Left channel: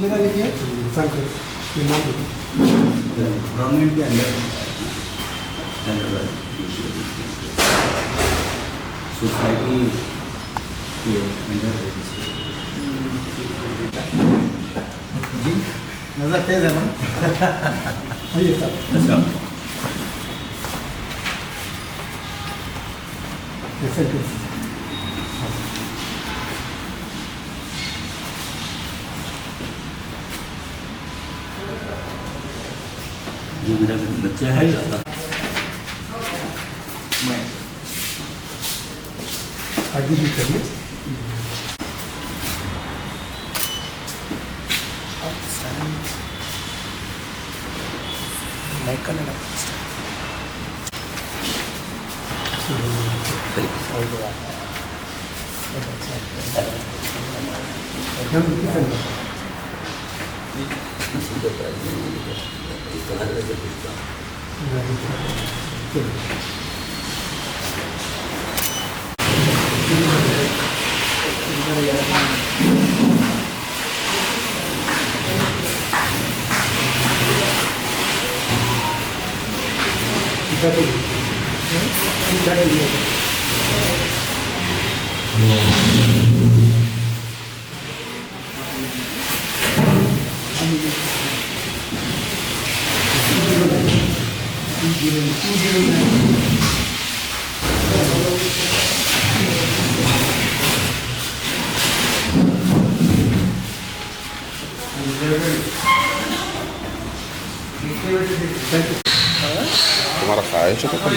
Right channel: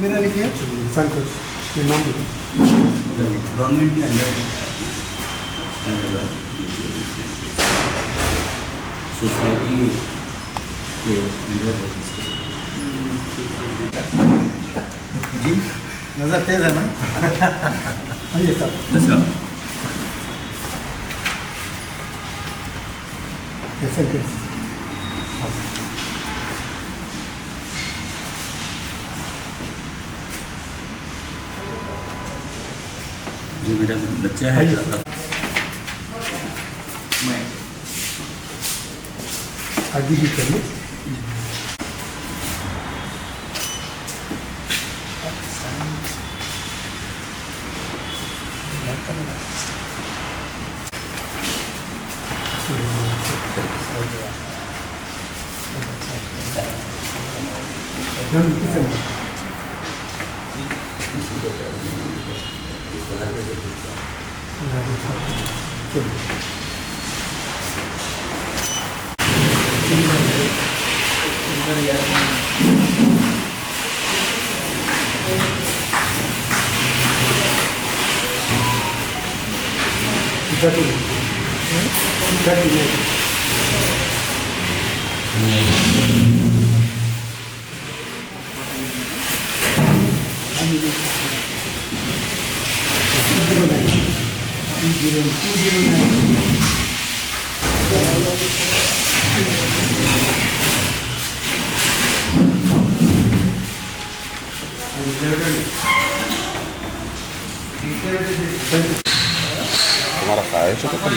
मेरा लिखिए संतोष, ये नाम गवर्नमेंट के अंदर सोसाइटी के अंदर जी नजर तेज है ना। आइए सर। अच्छा कैसे कैसे जो मेरा बच्चा है मैं आगे भी करिए। तुम्हारा ख्वाहिश है तो कर लो।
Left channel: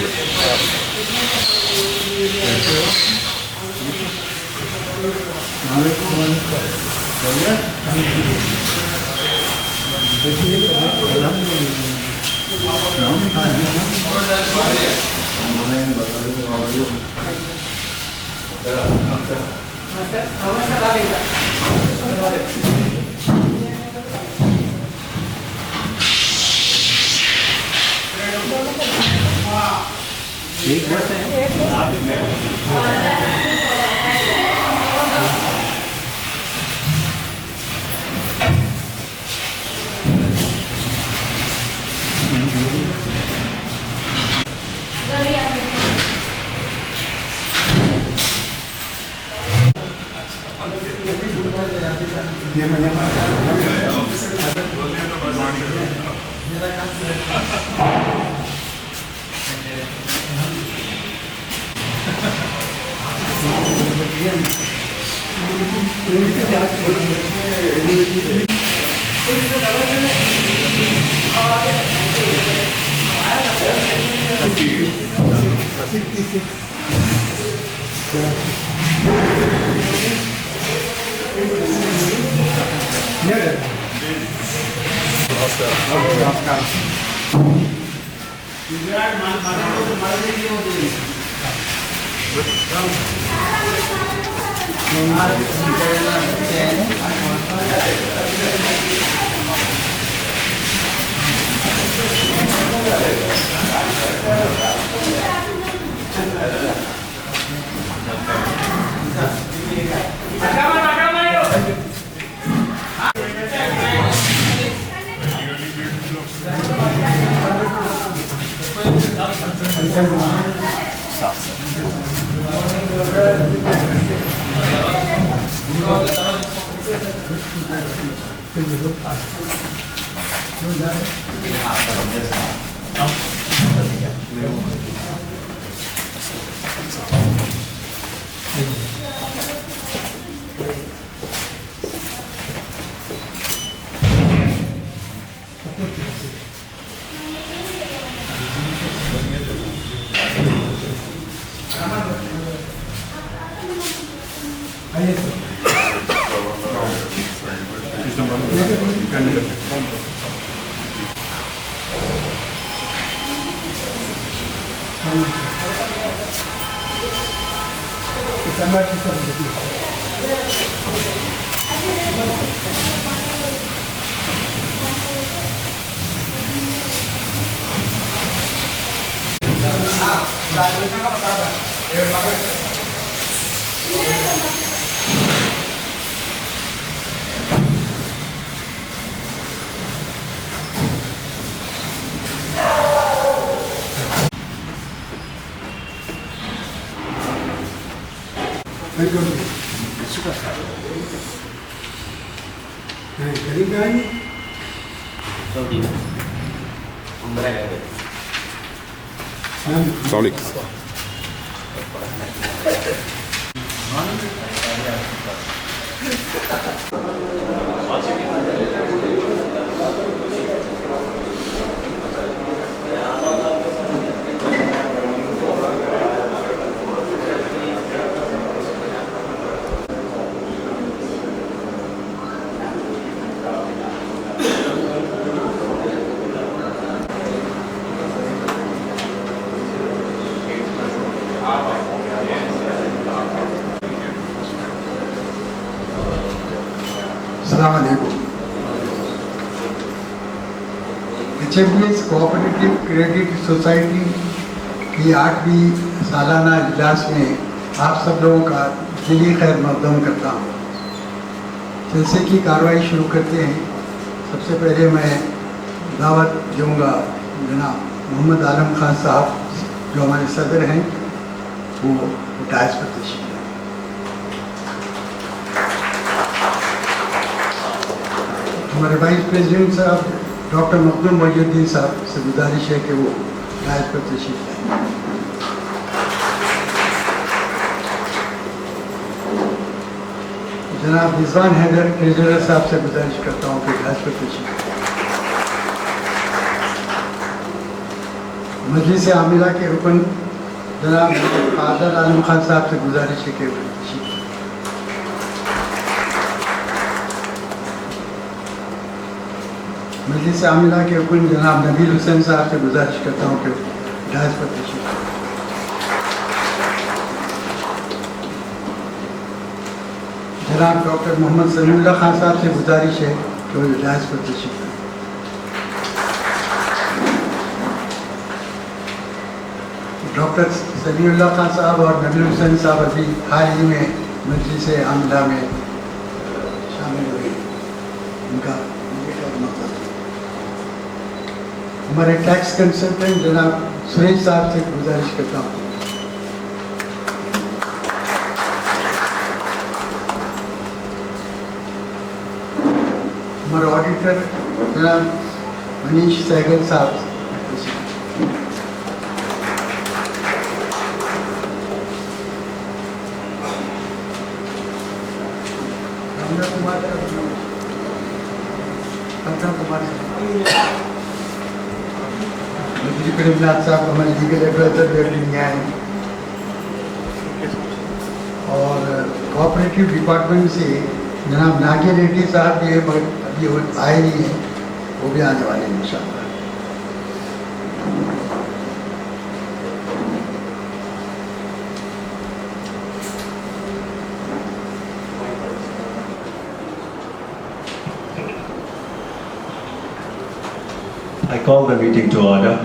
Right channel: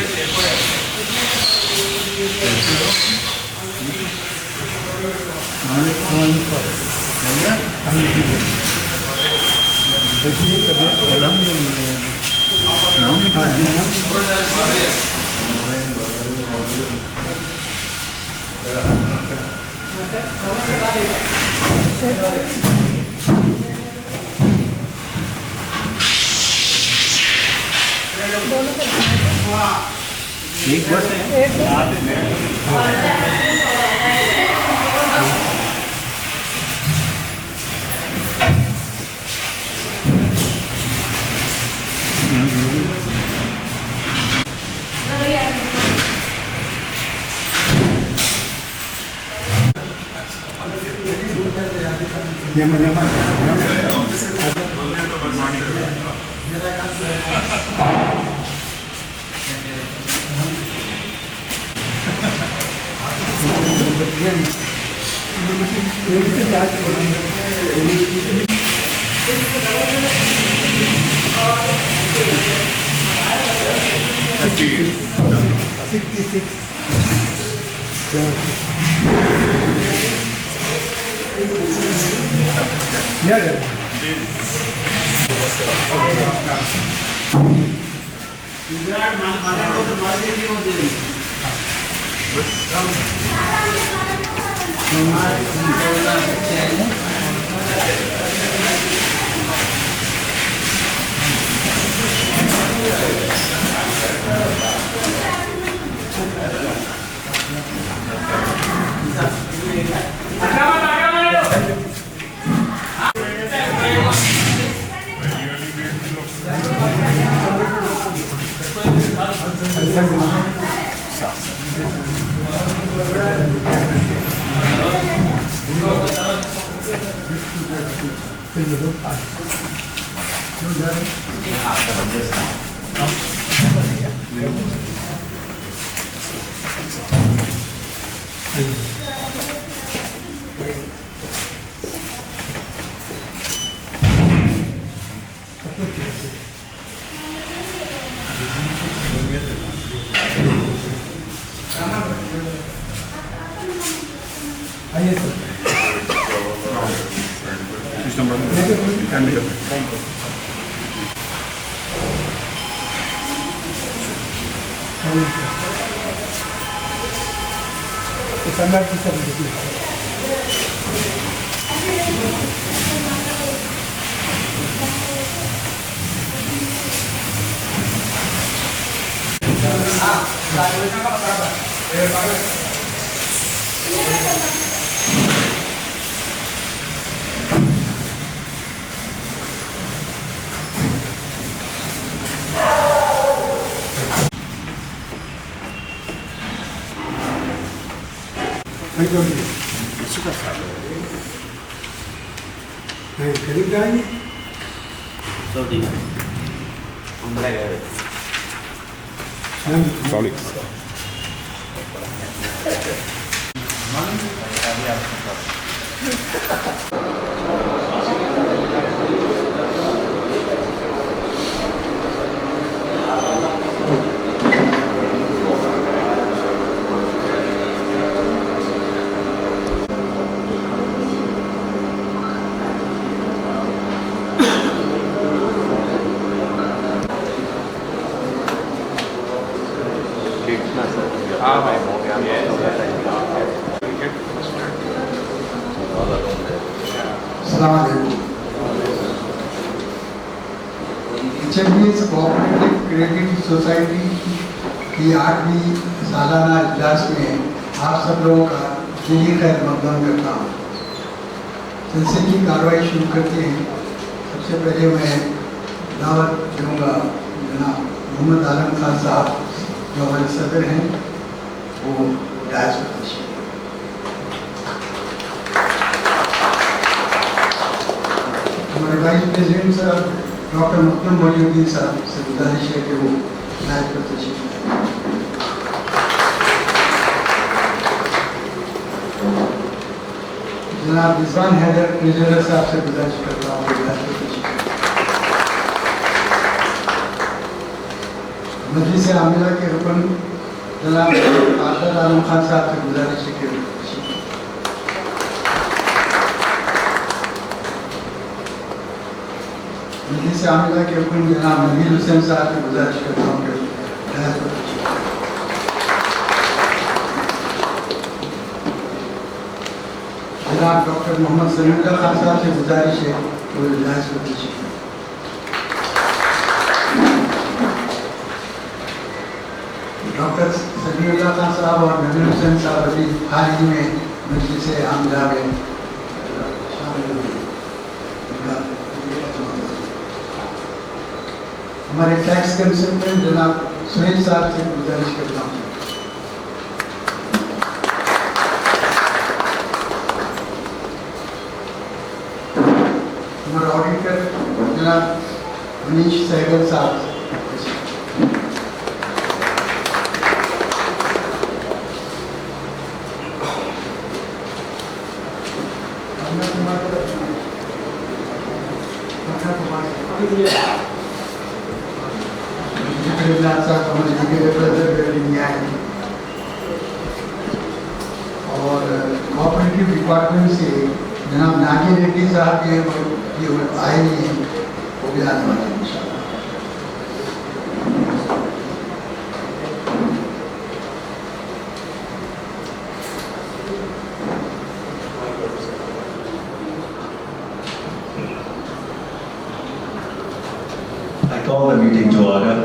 एक वर्ष है قریب جائیں Sorry. Umbra gaya. Sorry. السلام علیکم. HMBS کوآپریٹو کریڈٹ سوسائٹی کی 8ویں سالانہ اجلاس میں آپ سب لوگوں کا دلی خیر مقدم کرتا ہوں. جلسے کی کارروائی شروع کرتے ہیں. سب سے پہلے میں دعوت دوں گا جناب محمد عالم خان صاحب جو ہمارے صدر ہیں، وہ ڈائس پر تشریف لائیں. ہمارے وائس پریزیڈنٹ صاحب ڈاکٹر مخدوم محی الدین صاحب سے گزارش ہے کہ وہ ڈائس پر تشریف لائیں. جناب رضوان حیدر ٹریجرر صاحب سے گزارش کرتا ہوں کہ ڈائس پر تشریف لائیں. مجلس عاملہ کے رکن جناب عادل عالم خان صاحب سے گزارش ہے کہ وہ تشریف لائیں. مجلس عاملہ کے رکن جناب نبیل حسین صاحب سے گزارش کرتا ہوں کہ ڈائس پر تشریف لائیں. جناب ڈاکٹر محمد سمیع اللہ خان صاحب سے گزارش ہے کہ وہ ڈائس پر تشریف لائیں. ڈاکٹر سمیع اللہ خان صاحب اور نبیل حسین صاحب ابھی حال ہی میں مجلس عاملہ میں شامل ہوئے. ان کا ہمارے ٹیکس کنسلٹنٹ جناب سریش صاحب سے گزارش کرتا ہوں. ہمارے آڈیٹر جناب منیش سہگل صاحب. صاحب ہمارے دیگر ایڈوائزر بیٹھے ہیں اور کوآپریٹو ڈپارٹمنٹ سے جناب ناگی ریڈی صاحب بھی ابھی آئے ہی ہیں، وہ بھی آنے والے ہیں انشاءاللہ. I call the meeting to order.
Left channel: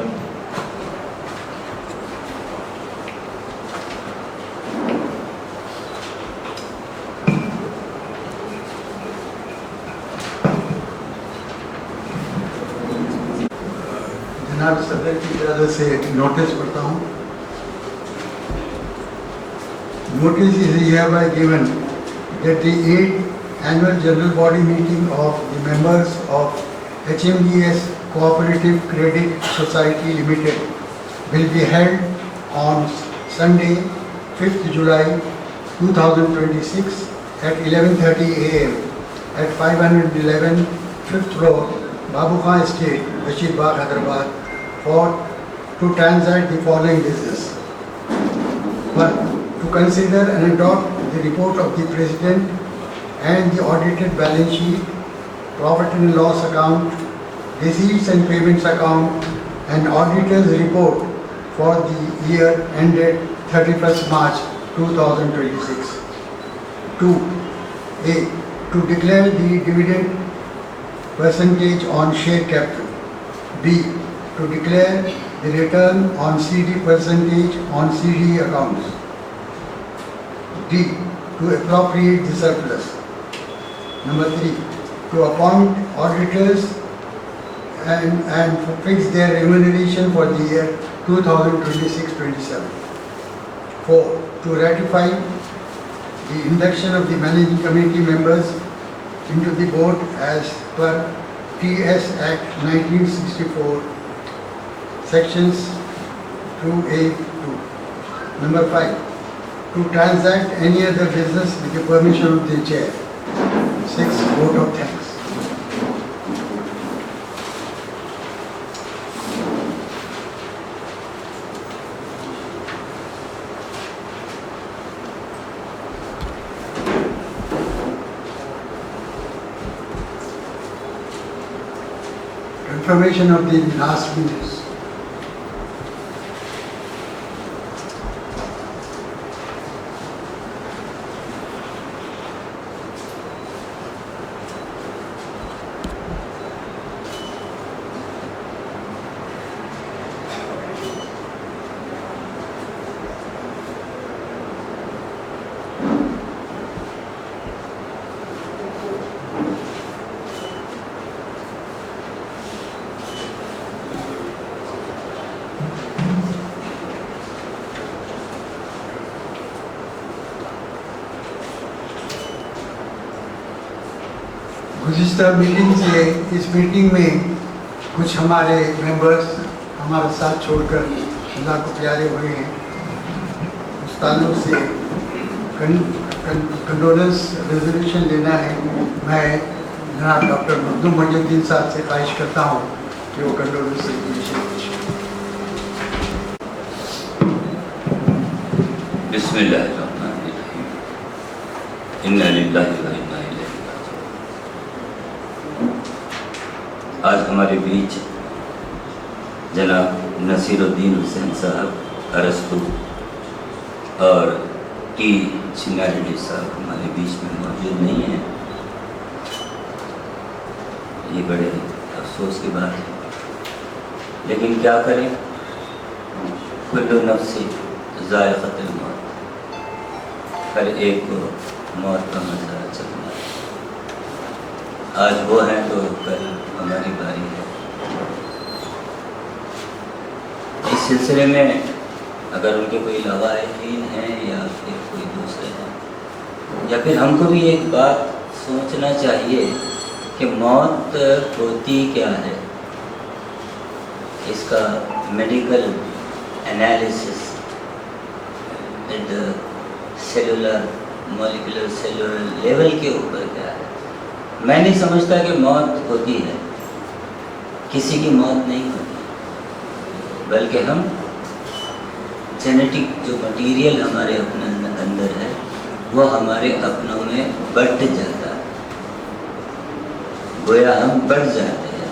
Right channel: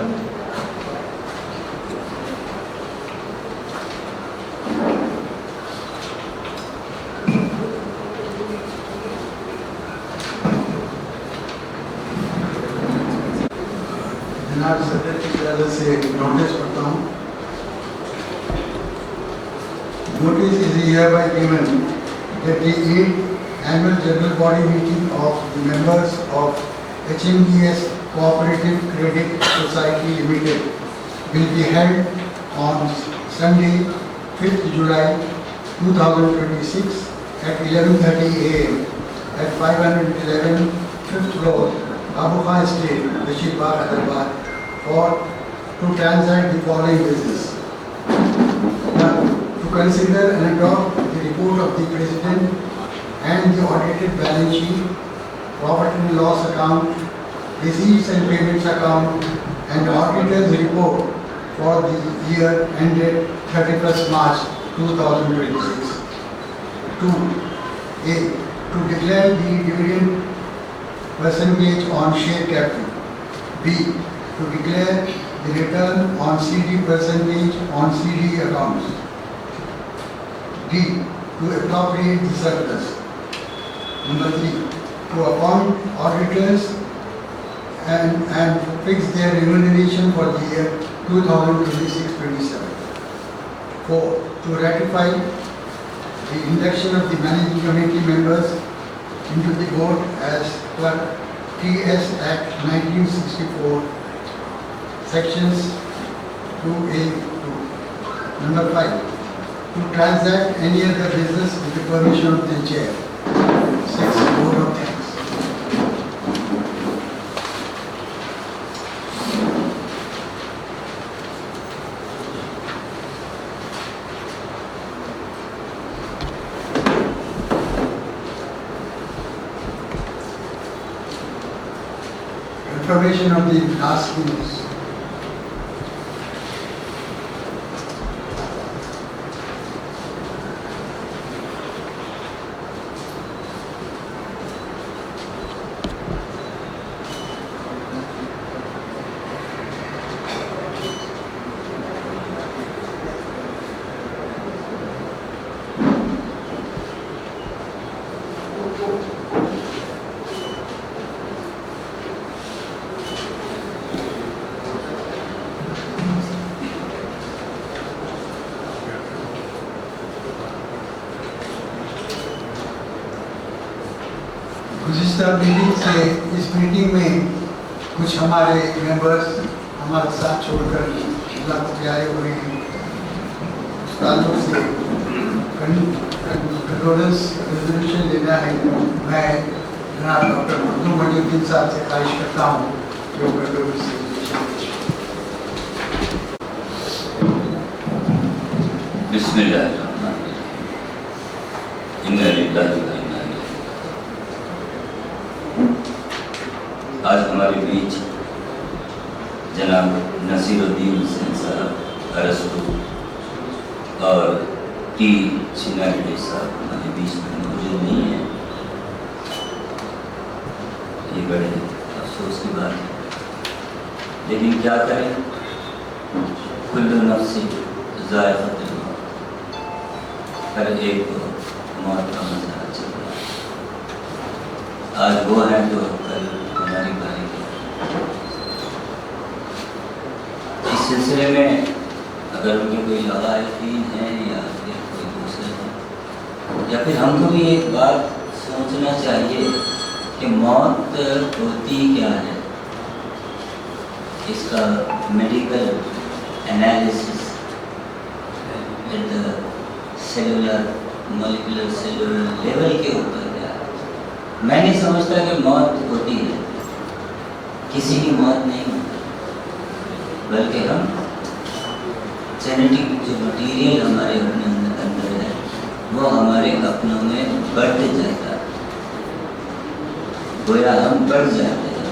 جناب صدر کی طرف سے نوٹس پڑھتا ہوں. Notice is hereby given that the 8th annual general body meeting of the members of HMBS Cooperative Credit Society Limited will be held on Sunday, 5th July 2026 at 11:30 a.m. at 511 5th Road, Babu Khan Estate, Bashir Bagh, Hyderabad, to transact the following business. 1. To consider and adopt the report of the President and the audited balance sheet, profit and loss account, receipts and payments account, and auditor's report for the year ended 31st March 2026. 2. A. To declare the dividend percentage on share capital. B. To declare the return on CD percentage on CD accounts. D. To appropriate the surplus. Number 3. To appoint auditors and fix their remuneration for the year 2026-27. 4. To ratify the induction of the managing committee members into the board as per TS Act 1964, sections 2A2. Number 5, to transact any other business with the permission of the chair. 6, vote of thanks. Confirmation of the last minutes. गुज़िश्ता meeting से इस meeting में कुछ हमारे members हमारा साथ छोड़कर अल्लाह को प्यारे हुए हैं। उस ताल्लुक से कंडोलेंस रेजोल्यूशन लेना है। मैं जनाब डॉक्टर मखदूम मजीदुद्दीन साहब से ख्वाहिश करता हूँ कि वो कंडोलेंस रेजोल्यूशन बिस्मिल्लाहिर्रहमानिर्रहीम। इन्ना लिल्लाहि व इन्ना इलैहि राजिऊन। आज हमारे बीच जनाब नसीरुद्दीन हुसैन साहब अरस्तु और टी चिंगारेड्डी साहब हमारे बीच में मौजूद नहीं हैं। ये बड़े अफसोस की बात है, लेकिन क्या करें, कुल्लु नफ्सिन ज़ाइक़तुल मौत, हर एक को मौत का मज़ा चल रहा है। आज वो हैं तो कल हमारी बारी है। इस सिलसिले में अगर उनके कोई लवाहिकीन हैं या फिर कोई दूसरे हैं, या फिर हमको भी एक बात सोचना चाहिए कि मौत होती क्या है, इसका medical analysis at the cellular molecular cellular level के ऊपर क्या है। मैं नहीं समझता कि मौत होती है, किसी की मौत नहीं होती, बल्कि हम जेनेटिक जो मटीरियल हमारे अपने अंदर है वो हमारे अपनों में बढ़ जाता है। गोया हम बढ़ जाते हैं,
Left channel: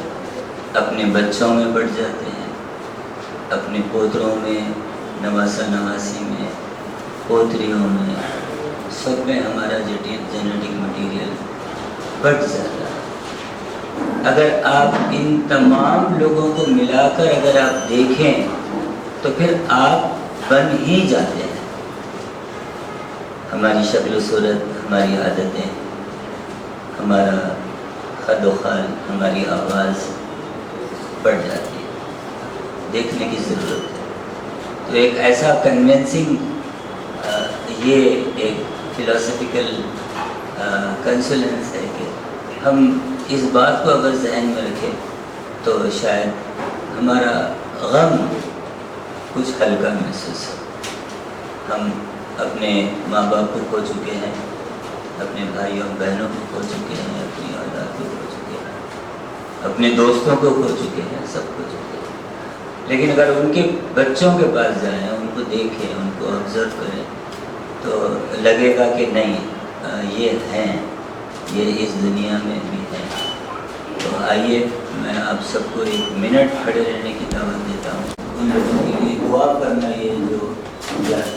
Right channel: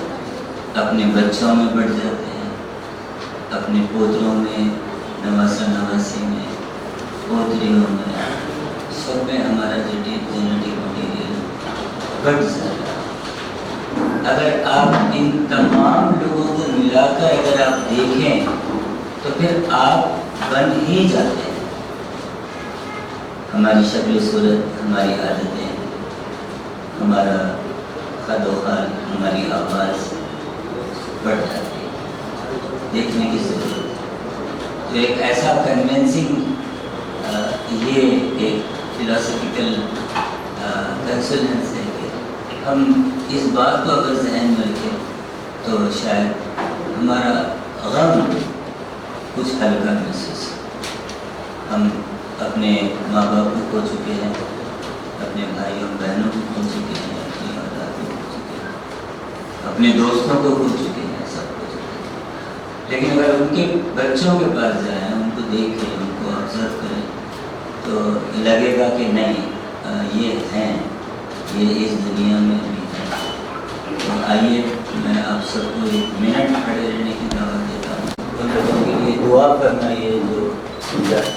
अपने बच्चों में बढ़ जाते हैं, अपने पोतरों में, नवासा नवासी में, पोतरियों में, सब में हमारा जेनेटिक मटीरियल बढ़ जाता है। अगर आप इन तमाम लोगों को मिलाकर अगर आप देखें तो फिर आप बन ही जाते हैं। हमारी शक्ल सूरत, हमारी आदतें, हमारा खदोखाल, हमारी आवाज़ बढ़ जाती है। देखने की ज़रूरत है। तो एक ऐसा कन्विंसिंग ये एक फिलोसफिकल कंसोलेंस है कि हम इस बात को अगर जहन में रखें तो शायद हमारा गम कुछ हल्का महसूस हो। हम अपने माँ बाप को खो चुके हैं, अपने भाइयों बहनों को खो चुके हैं, अपनी औलाद को खो चुके हैं, अपने दोस्तों को खो चुके हैं, सब खो चुके हैं। लेकिन अगर उनके बच्चों के पास जाएं, उनको देखें, उनको ऑब्जर्व करें तो लगेगा कि नहीं ये हैं, ये इस दुनिया में भी हैं। तो आइए मैं आप सबको एक मिनट खड़े रहने की दावत देता हूँ। उन लोगों के लिए दुआ करना, ये जो जाती है।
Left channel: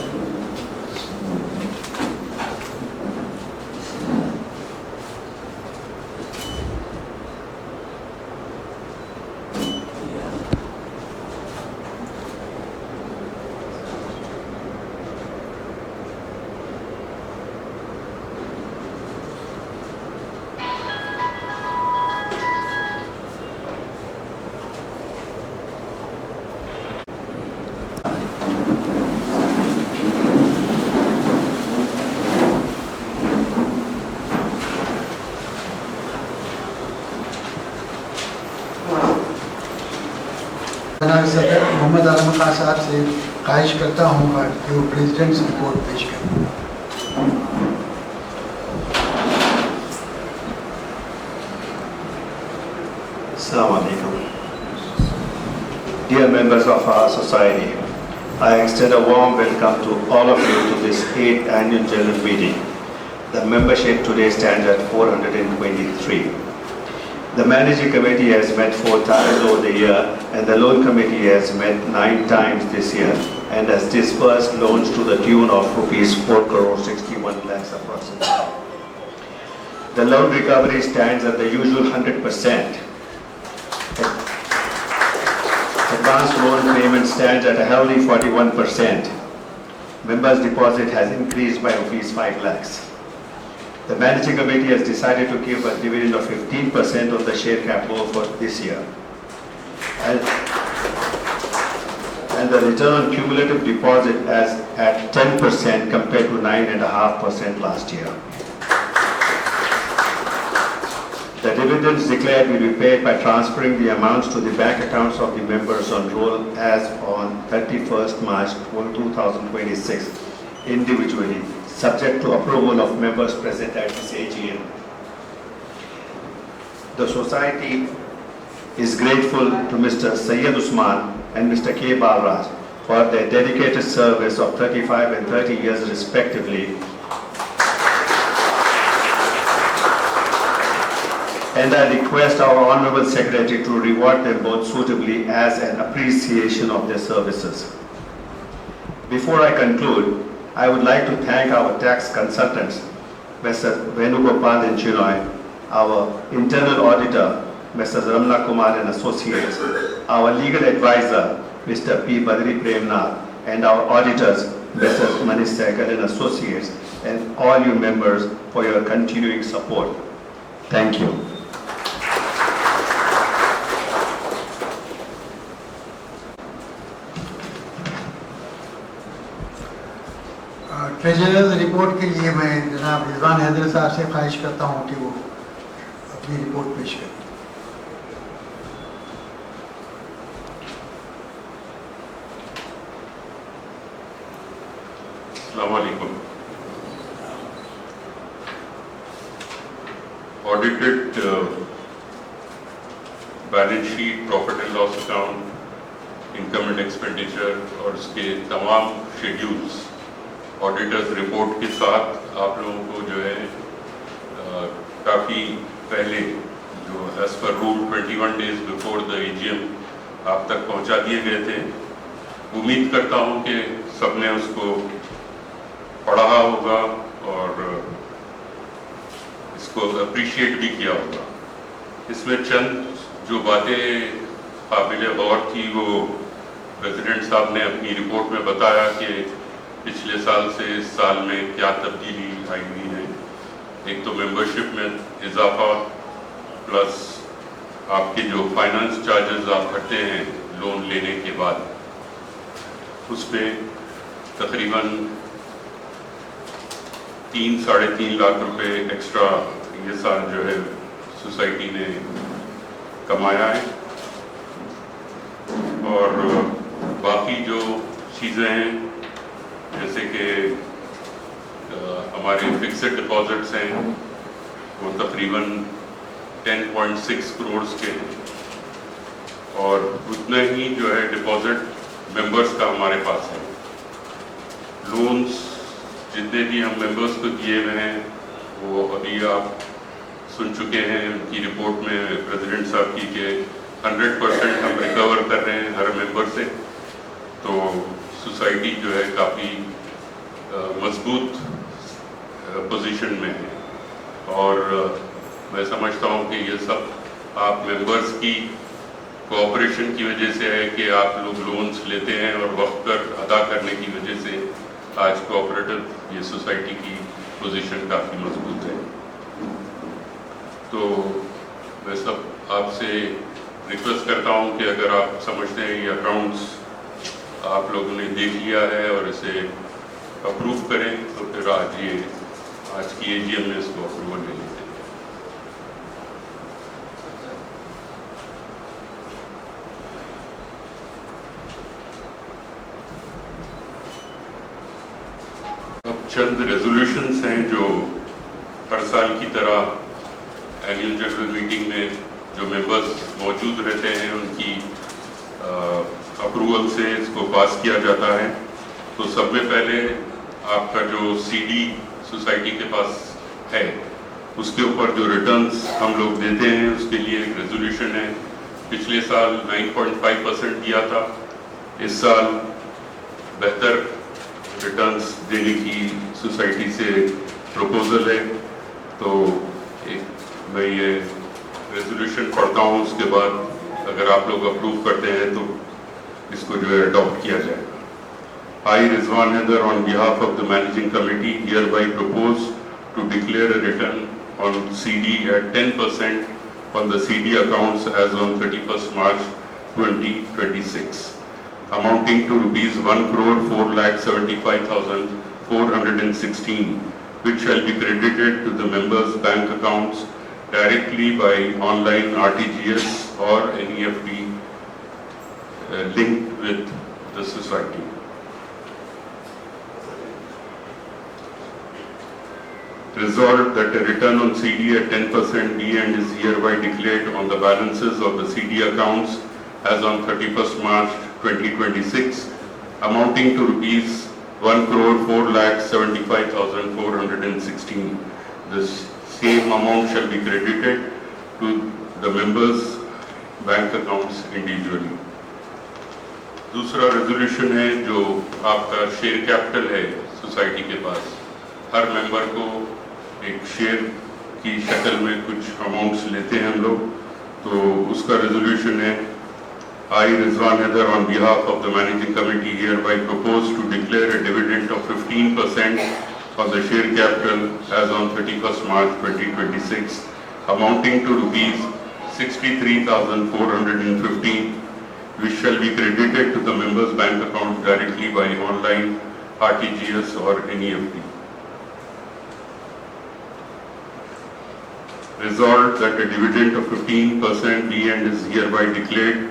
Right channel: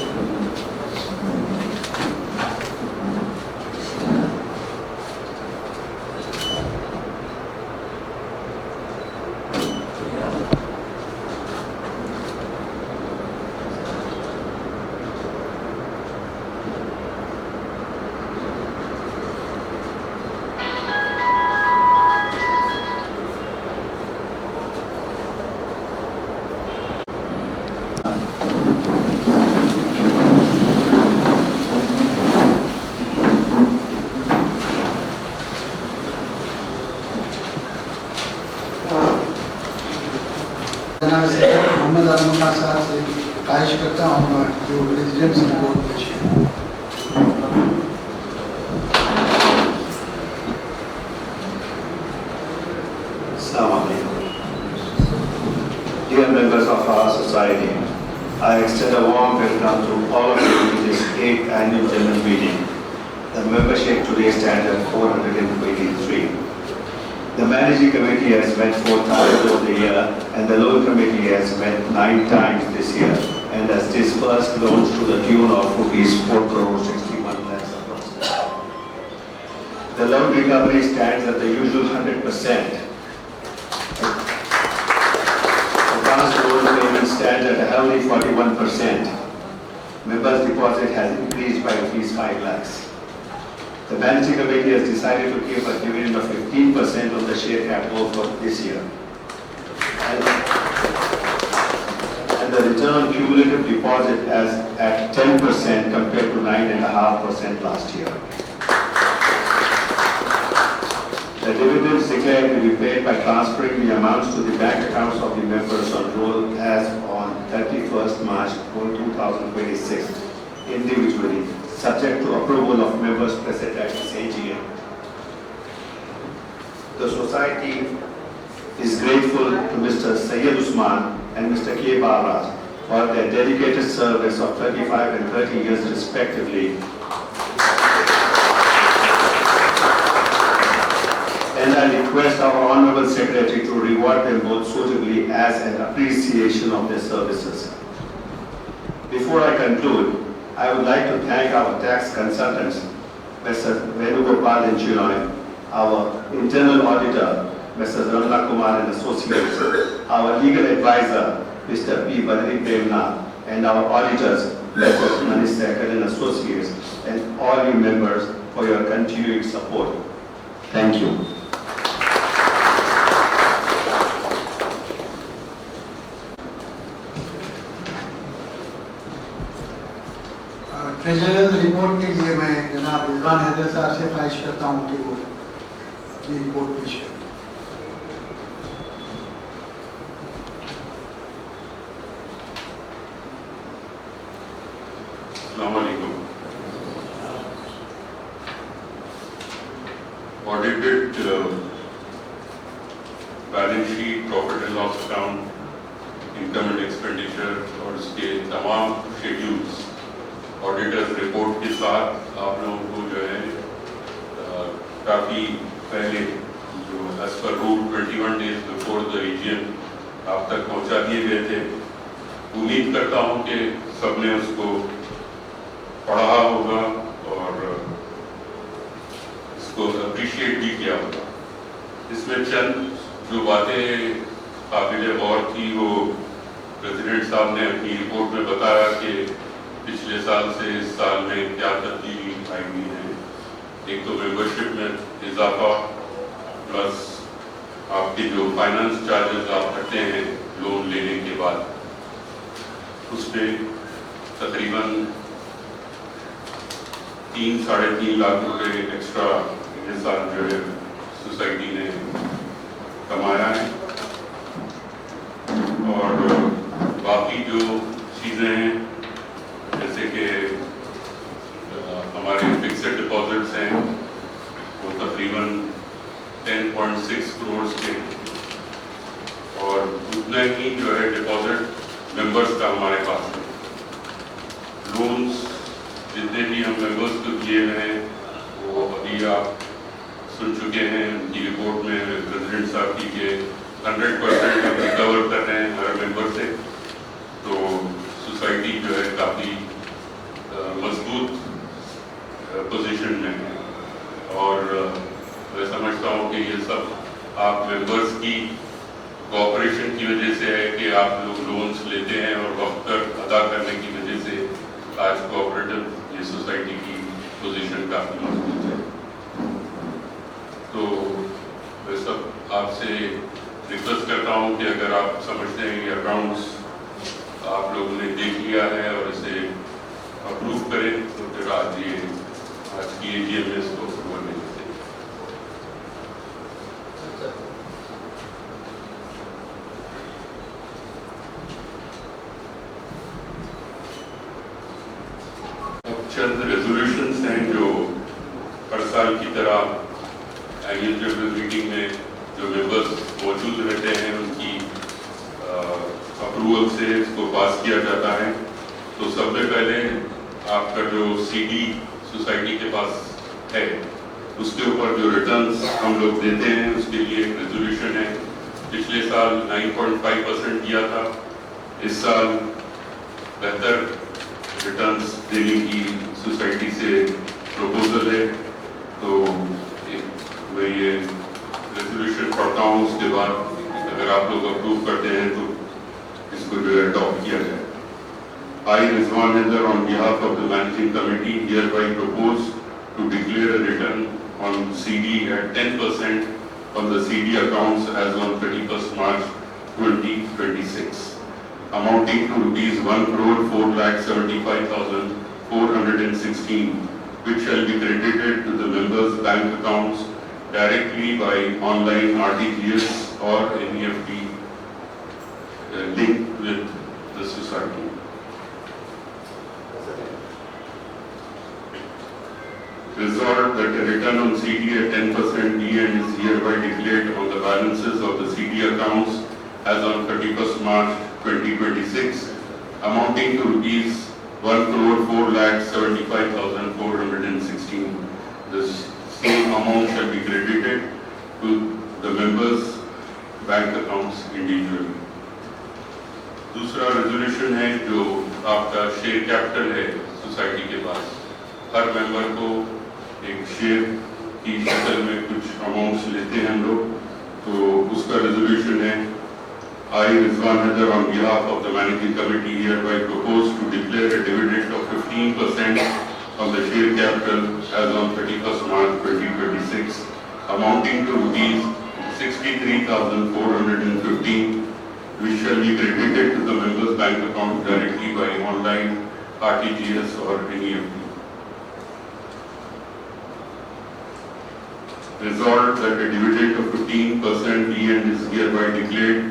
کرتا ہوں جو پریزیڈنٹ رپورٹ پیش کریں. Assalamu alaikum. Dear members of our society, I extend a warm welcome to all of you to this 8th annual general meeting. The membership today stands at 423. The managing committee has met 4 times over the year, and the loan committee has met 9 times this year and has disbursed loans to the tune of rupees 4,61 lakhs approximately. The loan recovery stands at the usual 100%. Advance loan payment stands at a healthy 41%. Members' deposit has increased by rupees 5 lakhs. The managing committee has decided to give a dividend of 15% on the share capital for this year. And the return on cumulative deposit is at 10% compared to 9.5% last year. The dividends declared will be paid by transferring the amounts to the bank accounts of the members on roll as on 31st March 2026 individually, subject to approval of members present at this AGM. The society is grateful to Mr. Syed Usman and Mr. K. Balraj for their dedicated service of 35 and 30 years respectively. And I request our Honorable Secretary to reward them both suitably as an appreciation of their services. Before I conclude, I would like to thank our tax consultants, Mr. Venugopal and Chinoy, our internal auditor, Mr. Ramla Kumar and Associates, our legal advisor, Mr. P. Badri Premnath, and our auditors, Mr. Manish Sehgal and Associates, and all you members for your continuing support. Thank you. Treasures report کے لیے میں جناب رضوان حیدر صاحب سے خواہش کرتا ہوں کہ وہ اپنی رپورٹ پیش کریں. السلام علیکم. Audited balance sheet, profit and loss account, income and expenditure اور اس کے تمام شیڈیولز آڈیٹرز رپورٹ کے ساتھ آپ لوگوں کو جو ہے کافی پہلے جو as per rule 21 days before the AGM آپ تک پہنچا دیے گئے تھے. امید کرتا ہوں کہ سب نے اس کو پڑھا ہوگا اور اس کو اپریشیٹ بھی کیا ہوگا. اس میں چند جو باتیں قابل غور تھی وہ پریزیڈنٹ صاحب نے اپنی رپورٹ میں بتایا کہ پچھلے سال سے اس سال میں کیا تبدیلی آئی ہوئی ہے. ایک تو ممبرشپ میں اضافہ پلس آپ کے جو فائنانس چارجز آپ بھرتے ہیں لون لینے کے بعد اس پہ تقریباً 3-3.5 لاکھ روپے ایکسٹرا یہ سال جو ہے سوسائٹی نے کمایا ہے. اور باقی جو چیزیں ہیں جیسے کہ ہمارے فکسڈ ڈپازٹس ہیں وہ تقریباً 10.6 کروڑ کے ہیں اور اتنا ہی جو ہے ڈپازٹ ممبرس کا ہمارے پاس ہے. لونس جتنے بھی ہم ممبرس کو دیے ہوئے ہیں وہ ابھی آپ سن چکے ہیں ان کی رپورٹ میں پریزیڈنٹ صاحب کی کہ 100% ہم ریکور کر رہے ہیں ہر ممبر سے. تو سوسائٹی جو ہے کافی مضبوط پوزیشن میں ہے اور میں سمجھتا ہوں کہ یہ سب آپ ممبرس کی کوآپریشن کی وجہ سے ہے کہ آپ لوگ لونس لیتے ہیں اور وقت پر ادا کرنے کی وجہ سے آج کوآپریٹو یہ سوسائٹی کی پوزیشن کافی مضبوط ہے. تو میں سب آپ سے ریکویسٹ کرتا ہوں کہ اگر آپ سمجھتے ہیں یہ اکاؤنٹس آپ لوگوں نے دیکھ لیا ہے اور اسے اپروو کریں تو پھر آج کی AGM میں اس کو اپروول لے لیتے ہیں. साल की तरह एनुअल जनरल मीटिंग में जो मेंबर्स मौजूद रहते हैं उनकी अप्रूवल से इसको पास किया जाता है। तो सब में पहले आपका जो सीडी सोसाइटी के पास है उसके ऊपर जो रिटर्न्स हम लोग देते हैं उसके लिए एक रेजोल्यूशन है। पिछले साल 9.5% दिया था, इस साल बेहतर रिटर्न्स देने की सोसाइटी से प्रपोजल है। तो मैं ये रेजोल्यूशन पढ़ता हूँ, उसके बाद अगर आप लोग अप्रूव करते हैं तो इसको जो है अडॉप्ट किया जाए। I, Rizwan Haider, on behalf of the managing committee, hereby propose to declare a return on CD at 10% on the CD accounts as on 31st March 2026, amounting to rupees 1,04,75,416, which shall be credited to the members' bank accounts directly by online RTGS or NEFT linked with the society. Resolved that a return on CD at 10% be and is hereby declared on the balances of the CD accounts as on 31st March 2026, amounting to rupees 1,04,75,416. This same amount shall be credited to the members' bank accounts individually. दूसरा resolution है जो आपका share capital है society के पास, हर member को एक share की शक्ल में कुछ अमाउंट्स लेते हैं हम लोग। तो उसका रेजोल्यूशन है I, Rizwan Haider, on behalf of the managing committee, hereby propose to declare a dividend of 15% on the share capital as on 31st March 2026, amounting to rupees 63,415, which shall be credited to the members' bank account directly by online RTGS or NEFT. Resolved that a dividend of 15% be and is hereby declared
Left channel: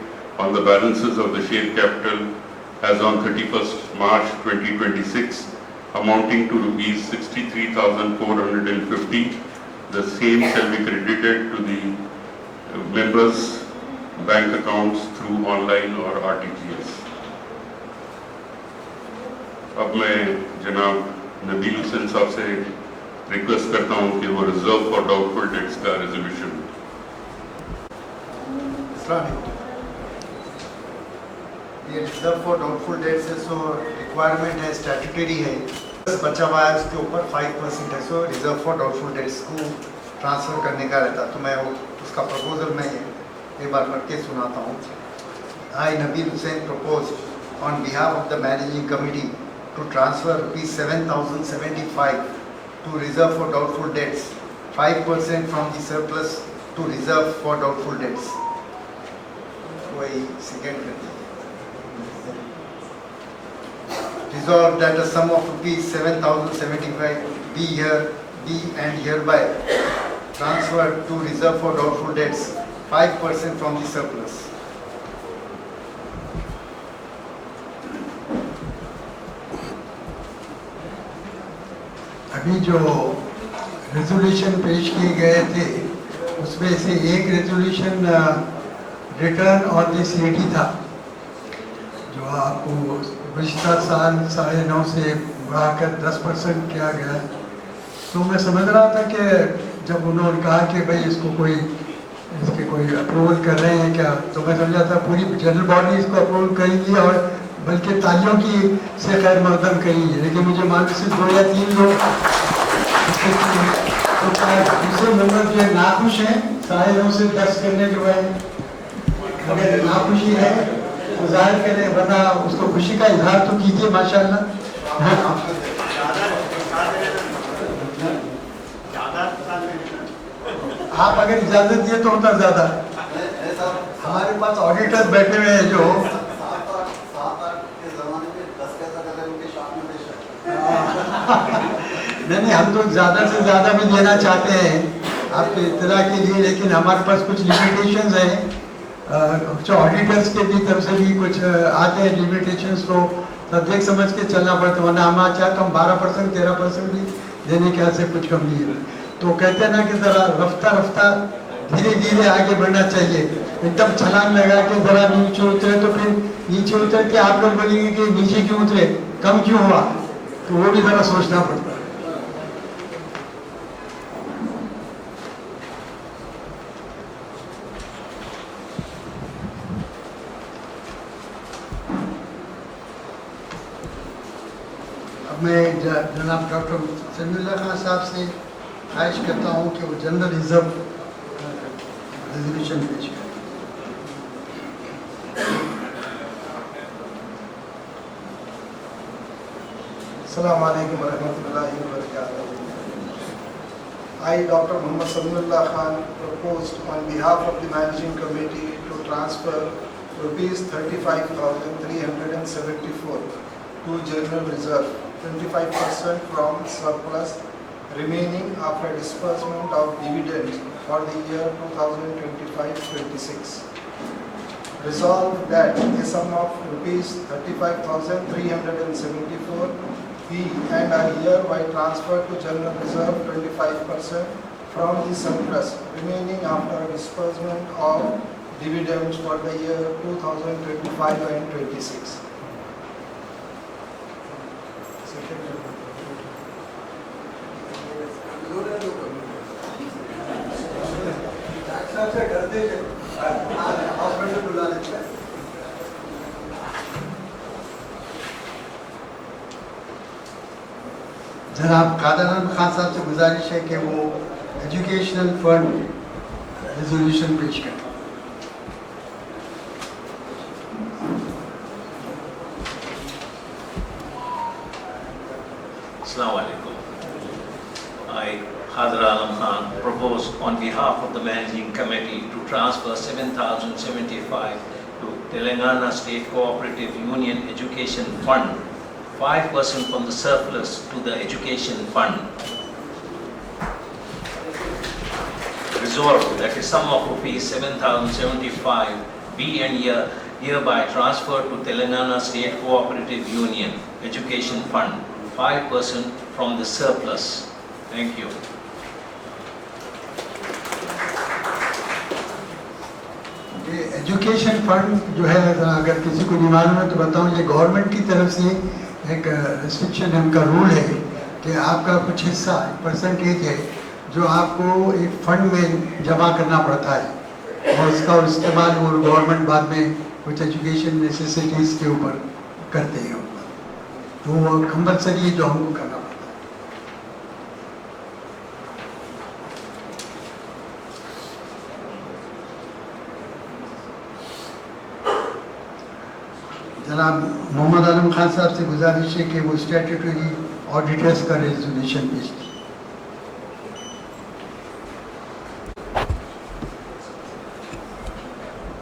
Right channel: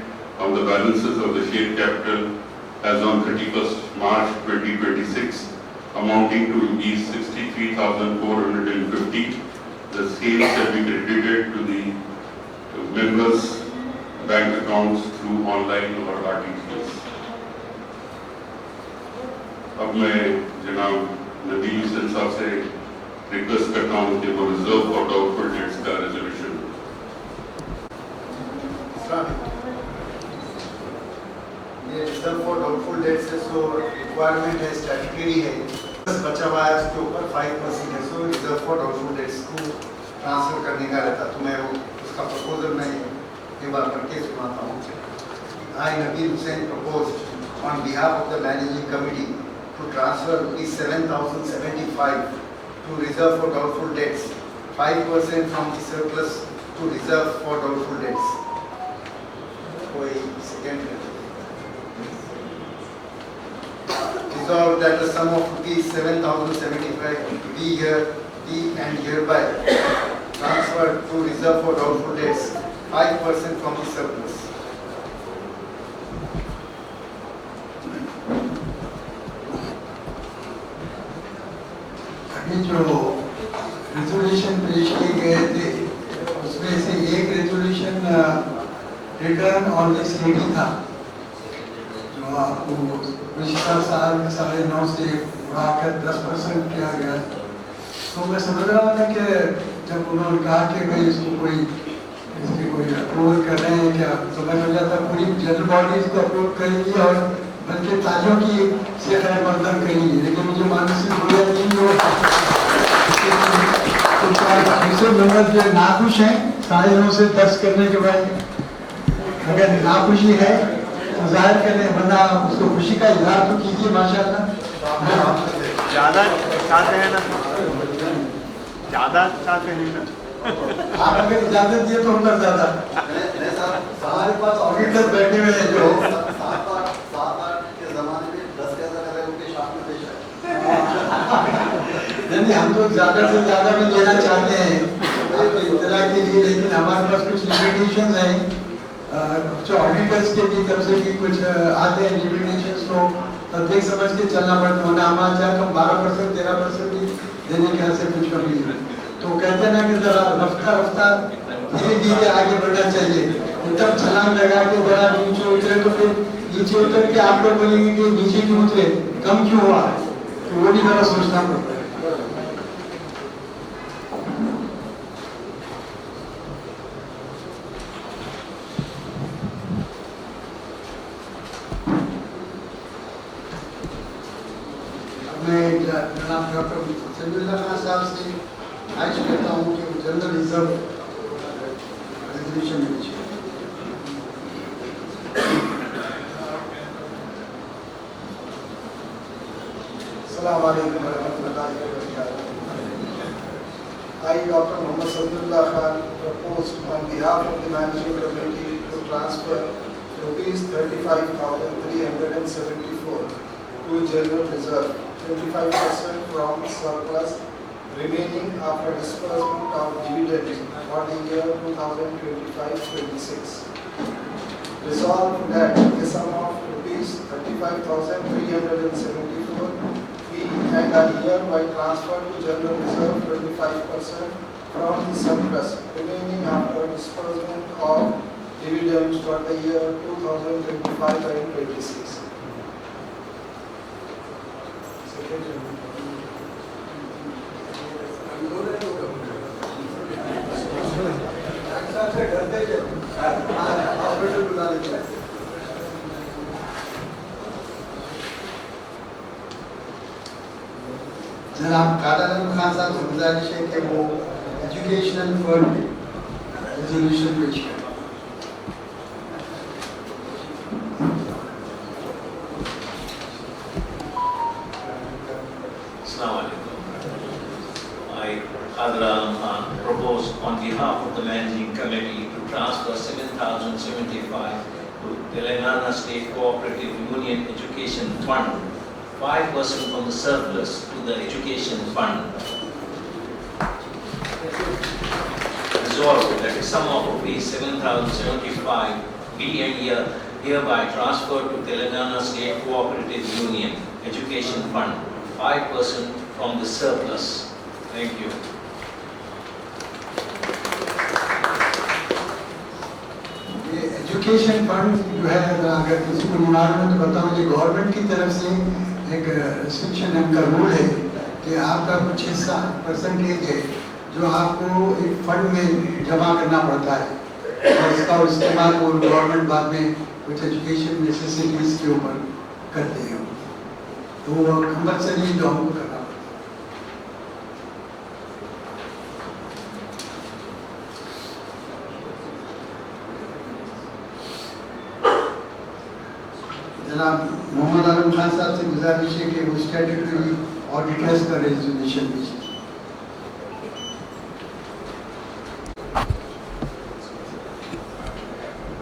on the balances of the share capital as on 31st March 2026, amounting to rupees 63,450. The same shall be credited to the members' bank accounts through online or RTGS. अब मैं जनाब नबील हुसैन साहब से request करता हूँ कि वो reserve for doubtful debts का रेजोल्यूशन। ये रिजर्व फॉर डाउटफुल डेट्स है, सो रिक्वायरमेंट है, स्टैट्यूटरी है, बचा हुआ है उसके ऊपर 5% है, सो रिजर्व फॉर डाउटफुल डेट्स को ट्रांसफर करने का रहता। तो मैं वो उसका प्रपोजल मैं एक बार पढ़ के सुनाता हूँ। I, Nabil Hussain, propose on behalf of the managing committee to transfer rupees 7,075 to reserve for doubtful debts, 5% from the surplus to reserve for doubtful debts. Wait, second. Resolved that a sum of rupees 7,075 be and hereby transferred to reserve for doubtful debts, 5% from the surplus. अभी जो resolution पेश किए गए थे उसमें से एक resolution return on the CD था जो आपको पिछला साल 9.5 से बढ़ाकर 10% किया गया। तो मैं समझ रहा था कि जब उन्होंने कहा कि भाई इसको इसके कोई अप्रूवल कर रहे हैं क्या, तो मैं समझा था पूरी जनरल बॉडी इसको अप्रूवल करेंगी और बल्कि तालियों की से खैर मकदम करेंगी। लेकिन मुझे मानसिक हो गया 3 लोग जो नाखुश हैं 9.5 से 10 करने के बाद अगर नाखुशी है तो जाहिर करें, बंदा उसको खुशी का इजहार तो कीजिए माशाअल्लाह। आप अगर इजाजत दिए तो उतना ज्यादा। हमारे पास ऑडिटर बैठे हुए हैं जो नहीं, हम तो ज्यादा से ज्यादा भी देना चाहते हैं आपको इत्तला के लिए, लेकिन हमारे पास कुछ लिमिटेशंस हैं। कुछ ऑडिटर्स के भी तरफ से भी कुछ आते हैं लिमिटेशंस, तो देख समझ के चलना पड़ता है, वरना हमारा चाहे तो हम 12% 13% भी देने के से कुछ कमी है। तो कहते ना कि जरा रफ्ता रफ्ता धीरे धीरे आगे बढ़ना चाहिए, एकदम छलांग लगा के जरा नीचे उतरे तो फिर नीचे उतर के आप लोग बोलेंगे कि नीचे क्यों उतरे, कम क्यों हुआ, तो वो भी जरा सोचना पड़ता है। मैं जनाब डॉक्टर समीउल्लाह खान साहब से ख्वाहिश करता हूँ कि वो जनरल रिजर्व रेजोल्यूशन पेश करें। Assalamu alaikum warahmatullahi wabarakatuh. I, Dr. Muhammad Samiullah Khan, proposed on behalf of the Managing Committee to transfer rupees 35,374 to General Reserve, 25% from surplus remaining after disbursement of dividends for the year 2025-26. Resolved that a sum of rupees 35,374 be and are hereby transferred to General Reserve 25% from the surplus remaining after disbursement of dividends for the year 2025 and 26. Hospital बुला लेते हैं। जनाब कादर अहमद खान साहब से गुजारिश है कि वो एजुकेशनल फंड रेजोल्यूशन पेश करें। Assalamu alaikum. I, Khadir Alam Khan, propose on behalf of the Managing Committee to transfer 7,075 to Telangana State Cooperative Union Education Fund, 5% from the surplus to the Education Fund. Resolved that a sum of rupees 7,075 be and hereby transferred to Telangana State Cooperative Union Education Fund, 5% from the surplus. Thank you. Education fund जो है, अगर किसी को नहीं मालूम है तो बताऊं, ये गवर्नमेंट की तरफ से एक रिस्ट्रिक्शन है, उनका रूल है कि आपका कुछ हिस्सा परसेंटेज है जो आपको एक फंड में जमा करना पड़ता है और इसका इस्तेमाल वो गवर्नमेंट बाद में कुछ एजुकेशन नेसेसिटीज़ के ऊपर करते हैं, तो वो कंपलसरी जो हमको करना पड़ता है। जनाब मोहम्मद आलम खान साहब से गुजारिश है कि वो स्टैट्यूटरी ऑडिटर्स का रेजोल्यूशन पेश करें।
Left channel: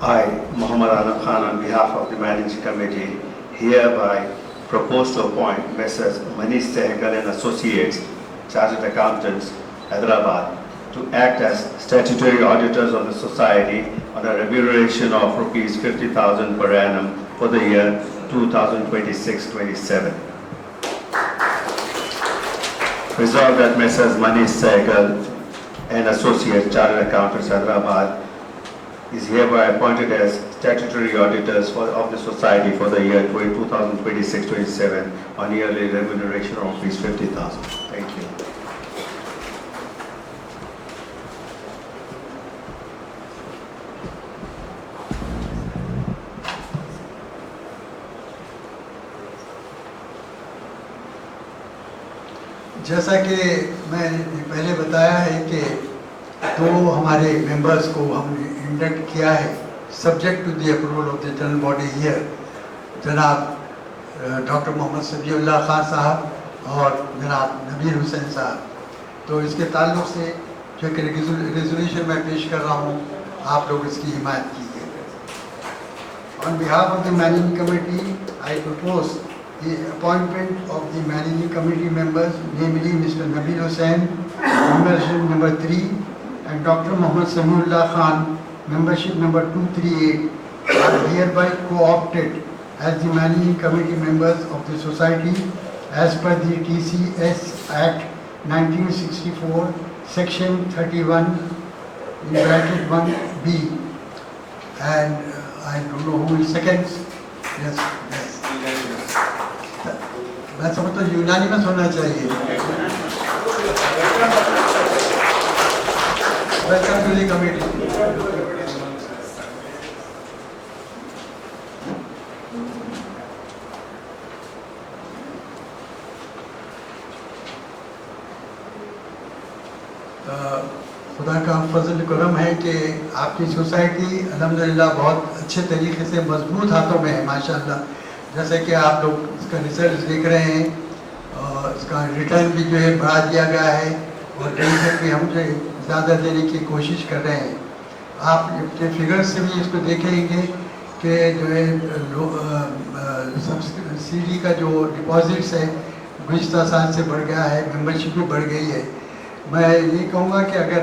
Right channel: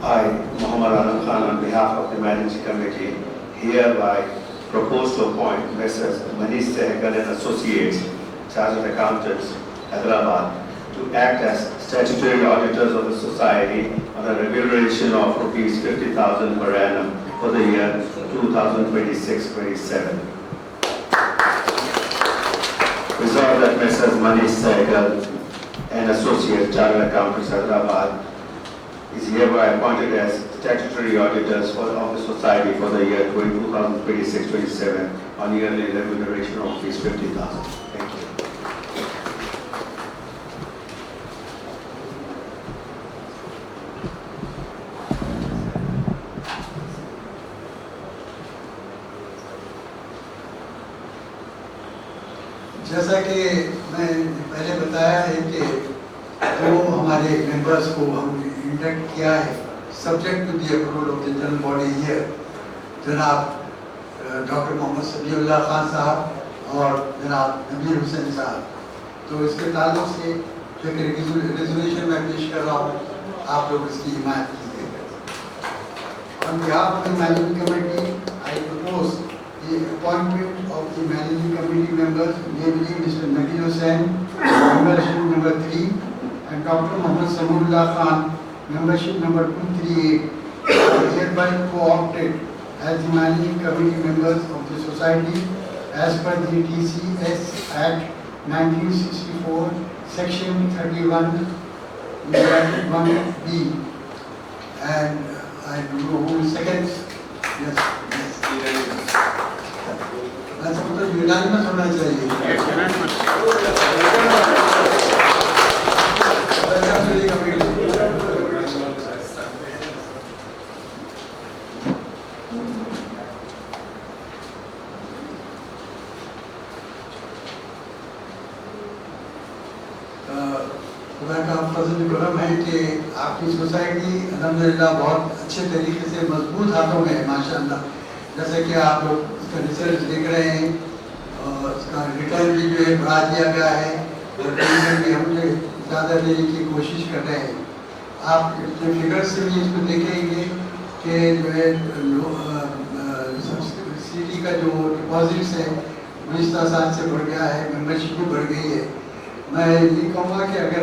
I, Muhammad Alam Khan, on behalf of the Managing Committee, hereby propose to appoint Messrs. Manish Sehgal and Associates, Chartered Accountants, Hyderabad, to act as statutory auditors of the Society on a remuneration of rupees 50,000 per annum for the year 2026-27. Resolved that Messrs. Manish Sehgal and Associates, Chartered Accountants, Hyderabad, is hereby appointed as statutory auditors of the Society for the year 2026-27 on yearly remuneration of rupees 50,000. Thank you. जैसा कि मैंने पहले बताया है कि दो हमारे members को हमने इंडक्ट किया है subject to the approval of the general body here, जनाब डॉक्टर मोहम्मद समीउल्लाह खान साहब और जनाब नबीर हुसैन साहब। तो इसके ताल्लुक से जो कि रेजोल्यूशन मैं पेश कर रहा हूँ, आप लोग इसकी हिमायत कीजिए। On behalf of the managing committee I propose the appointment of the managing committee members, namely Mr. Nabil Hussain, membership number 3, and Dr. Muhammad Samiullah Khan, membership number 238, are hereby co-opted as the managing committee members of the society as per the TCS Act 1964, Section 31, in bracket 1B. And I don't know who is second. Yes, yes. मैं समझता हूँ unanimous होना चाहिए. Welcome to the committee. खुदा का फजल करम है कि आपकी सोसाइटी अल्हम्दुलिल्लाह बहुत अच्छे तरीके से मजबूत हाथों में है माशाअल्लाह. जैसे कि आप लोग इसका रिजल्ट देख रहे हैं और इसका रिटर्न भी जो है बढ़ा दिया गया है और पेंशन भी हम जो ज़्यादा देने की कोशिश कर रहे हैं. आप अपने फिगर से भी इसको देखेंगे कि जो है सब्सिडी का जो डिपॉजिट्स है गुज़िश्ता साल से बढ़ गया है, मेंबरशिप भी बढ़ गई है. मैं ये कहूँगा कि अगर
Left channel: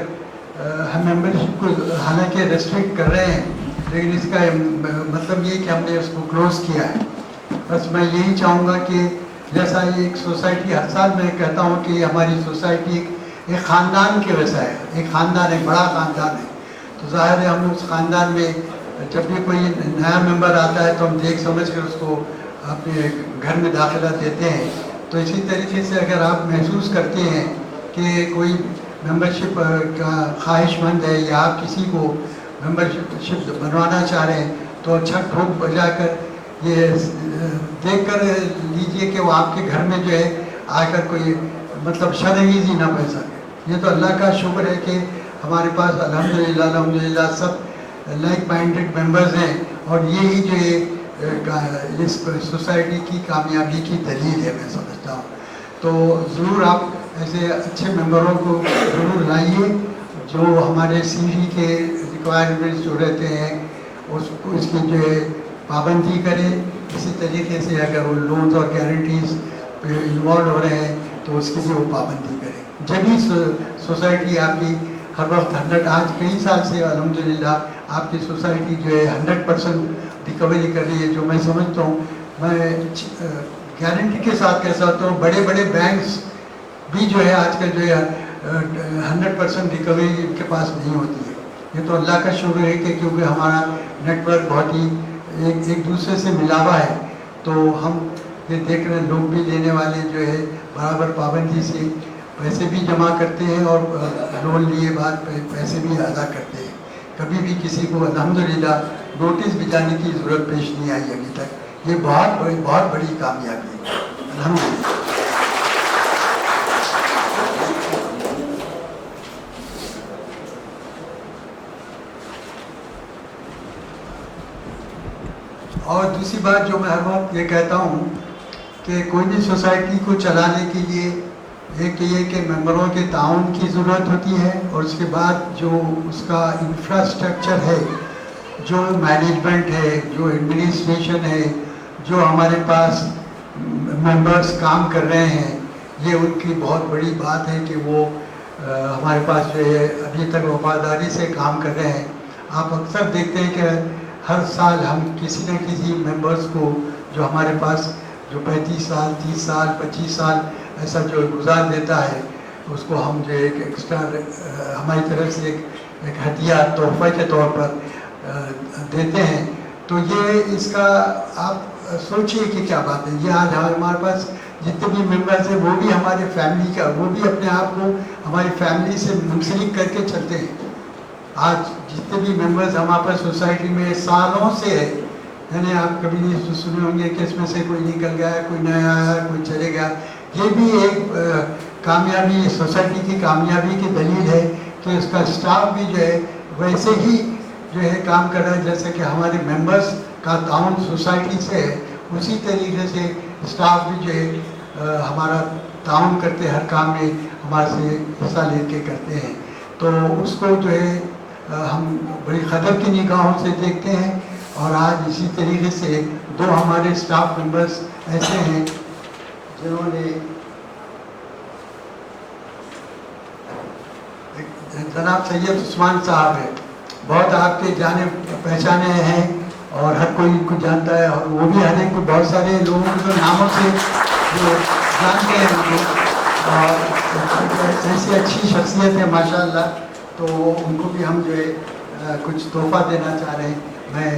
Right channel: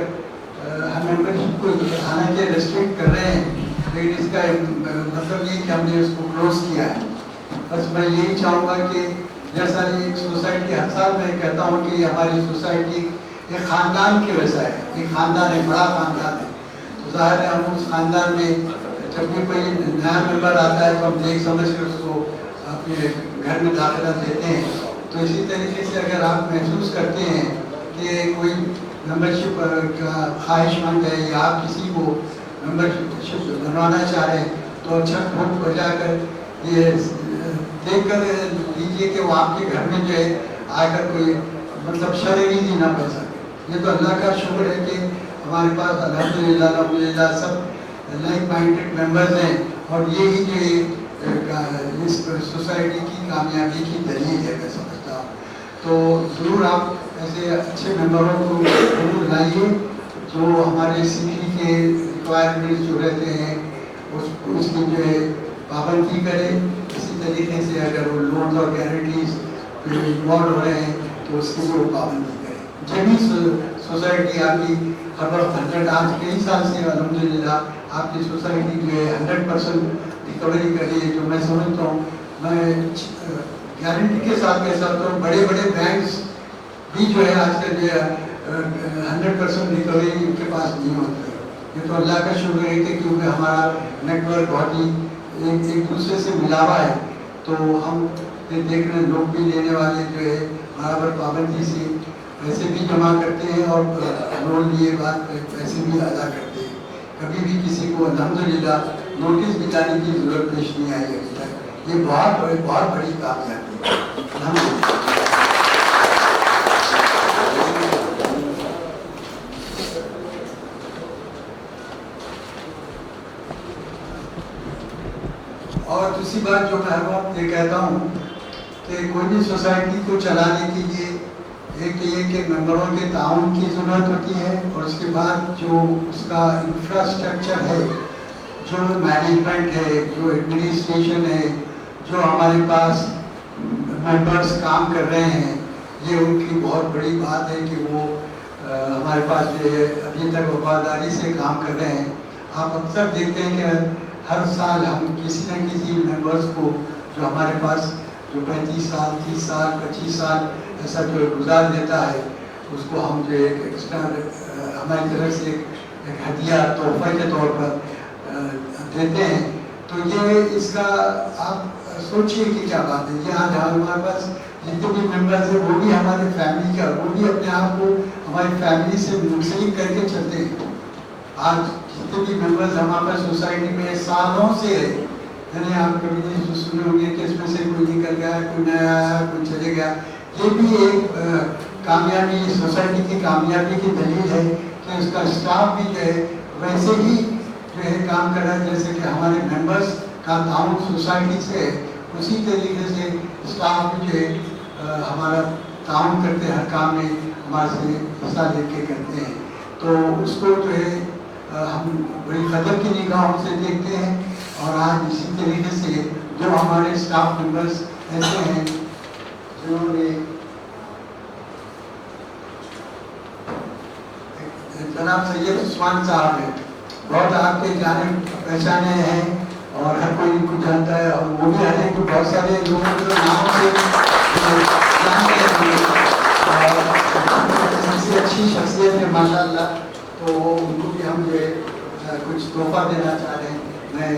हम मेंबरशिप को हालांकि रेस्ट्रिक्ट कर रहे हैं लेकिन इसका मतलब ये कि हमने उसको क्लोज किया है. बस मैं यही चाहूँगा कि जैसा ये एक सोसाइटी हर साल मैं कहता हूँ कि हमारी सोसाइटी एक ख़ानदान के वैसा है. एक ख़ानदान है, बड़ा ख़ानदान है. तो ज़ाहिर है हम उस ख़ानदान में जब भी कोई नया मेंबर आता है तो हम देख समझ कर उसको अपने घर में दाखिला देते हैं. तो इसी तरीके से अगर आप महसूस करते हैं कि कोई मेंबरशिप का ख्वाहिशमंद है या आप किसी को मेंबरशिप बनवाना चाह रहे हैं तो अच्छा ठोक बजाकर ये देख कर लीजिए कि वो आपके घर में जो है आकर कोई मतलब शर्मिंदगी ना बन सके. ये तो अल्लाह का शुक्र है कि हमारे पास अल्हम्दुलिल्लाह सब लाइक माइंडेड मेंबर्स हैं और यही जो इस सोसाइटी की कामयाबी की दलील है मैं समझता हूँ. तो ज़रूर आप ऐसे अच्छे मेंबरों को जरूर लाइए जो हमारे सीढ़ी के रिक्वायरमेंट्स जो रहते हैं उसकी जो है पाबंदी करें. इसी तरीके से अगर वो लोन्स और गारंटीज पे इन्वॉल्व हो रहे हैं तो उसकी भी वो पाबंदी करें. जब भी सोसाइटी आपकी हर वक्त 100 आज कई साल से अल्हम्दुलिल्लाह आपकी सोसाइटी जो है 100% रिकवरी कर रही है. जो मैं समझता हूँ मैं गारंटी के साथ कह सकता हूँ बड़े बड़े बैंक्स भी जो है आजकल जो है 100% रिकवरी उनके पास नहीं होती है. ये तो अल्लाह का शुक्र है कि क्योंकि हमारा नेटवर्क बहुत ही एक दूसरे से मिला हुआ है तो हम ये देख रहे लोग भी लेने वाले जो है बराबर पाबंदी से पैसे भी जमा करते हैं और लोन लिए बाद पैसे भी अदा करते हैं. कभी भी किसी को अल्हम्दुलिल्लाह नोटिस भी जाने की ज़रूरत पेश नहीं आई अभी तक. ये बहुत बड़ी कामयाबी है अल्हम्दुलिल्लाह. और दूसरी बात जो मैं हर वक्त ये कहता हूँ कि कोई भी सोसाइटी को चलाने के लिए एक तो ये कि मेंबरों के ताउन की ज़रूरत होती है और उसके बाद जो उसका इंफ्रास्ट्रक्चर है, जो मैनेजमेंट है, जो एडमिनिस्ट्रेशन है, जो हमारे पास मेंबर्स काम कर रहे हैं, ये उनकी बहुत बड़ी बात है कि वो हमारे पास जो है अभी तक वफादारी से काम कर रहे हैं. आप अक्सर देखते हैं कि हर साल हम किसी न किसी मेंबर्स को जो हमारे पास जो 35 साल 30 साल 25 साल ऐसा जो गुजार देता है उसको हम जो एक एक्स्ट्रा हमारी तरफ से एक हदिया तोहफा के तौर पर देते हैं. तो ये इसका आप सोचिए कि क्या बात है. ये आज हमारे पास जितने भी मेंबर्स हैं वो भी हमारे फैमिली का वो भी अपने आप को हमारी फैमिली से मुंसलिक करके चलते हैं. आज जितने भी मेंबर्स हमारे पास सोसाइटी में सालों से है, यानी आप कभी नहीं सुने होंगे कि इसमें से कोई निकल गया, कोई नया आया, कोई चले गया. ये भी एक कामयाबी सोसाइटी की कामयाबी की दलील है कि उसका स्टाफ भी जो है वैसे ही जो है काम कर रहा है जैसे कि हमारे मेंबर्स का ताउन सोसाइटी से है. उसी तरीके से स्टाफ भी जो है हमारा ताउन करते हर काम में हमारे से हिस्सा लेके करते हैं. तो उसको जो है हम बड़ी कदर की निगाहों से देखते हैं. और आज इसी तरीके से दो हमारे स्टाफ मेंबर्स ऐसे हैं जिन्होंने जनाब सैयद उस्मान साहब है, बहुत आपके जाने पहचाने हैं और हर कोई इनको जानता है और वो भी हर एक बहुत सारे लोगों के नामों से जानते हैं. और से अच्छी शख्सियत है माशाल्लाह, तो उनको भी हम जो है कुछ तोहफा देना चाह रहे हैं। मैं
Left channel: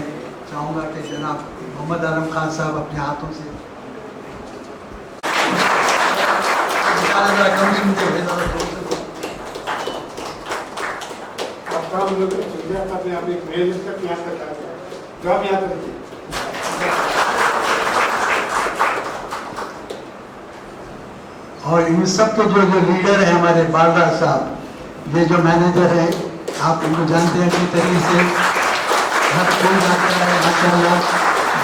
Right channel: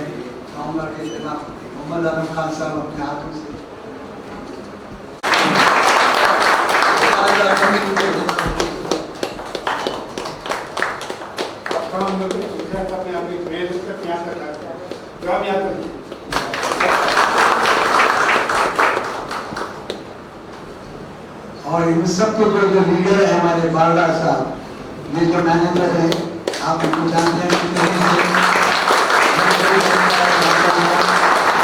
चाहूँगा कि जनाब मोहम्मद आलम खान साहब अपने हाथों से हम लोग अपने आप एक मेल तक याद करता है, जवाब याद करिए। और इन सब के जो लीडर है हमारे बालराज साहब, ये जो मैनेजर है, आप उनको जानते हैं किस तरीके से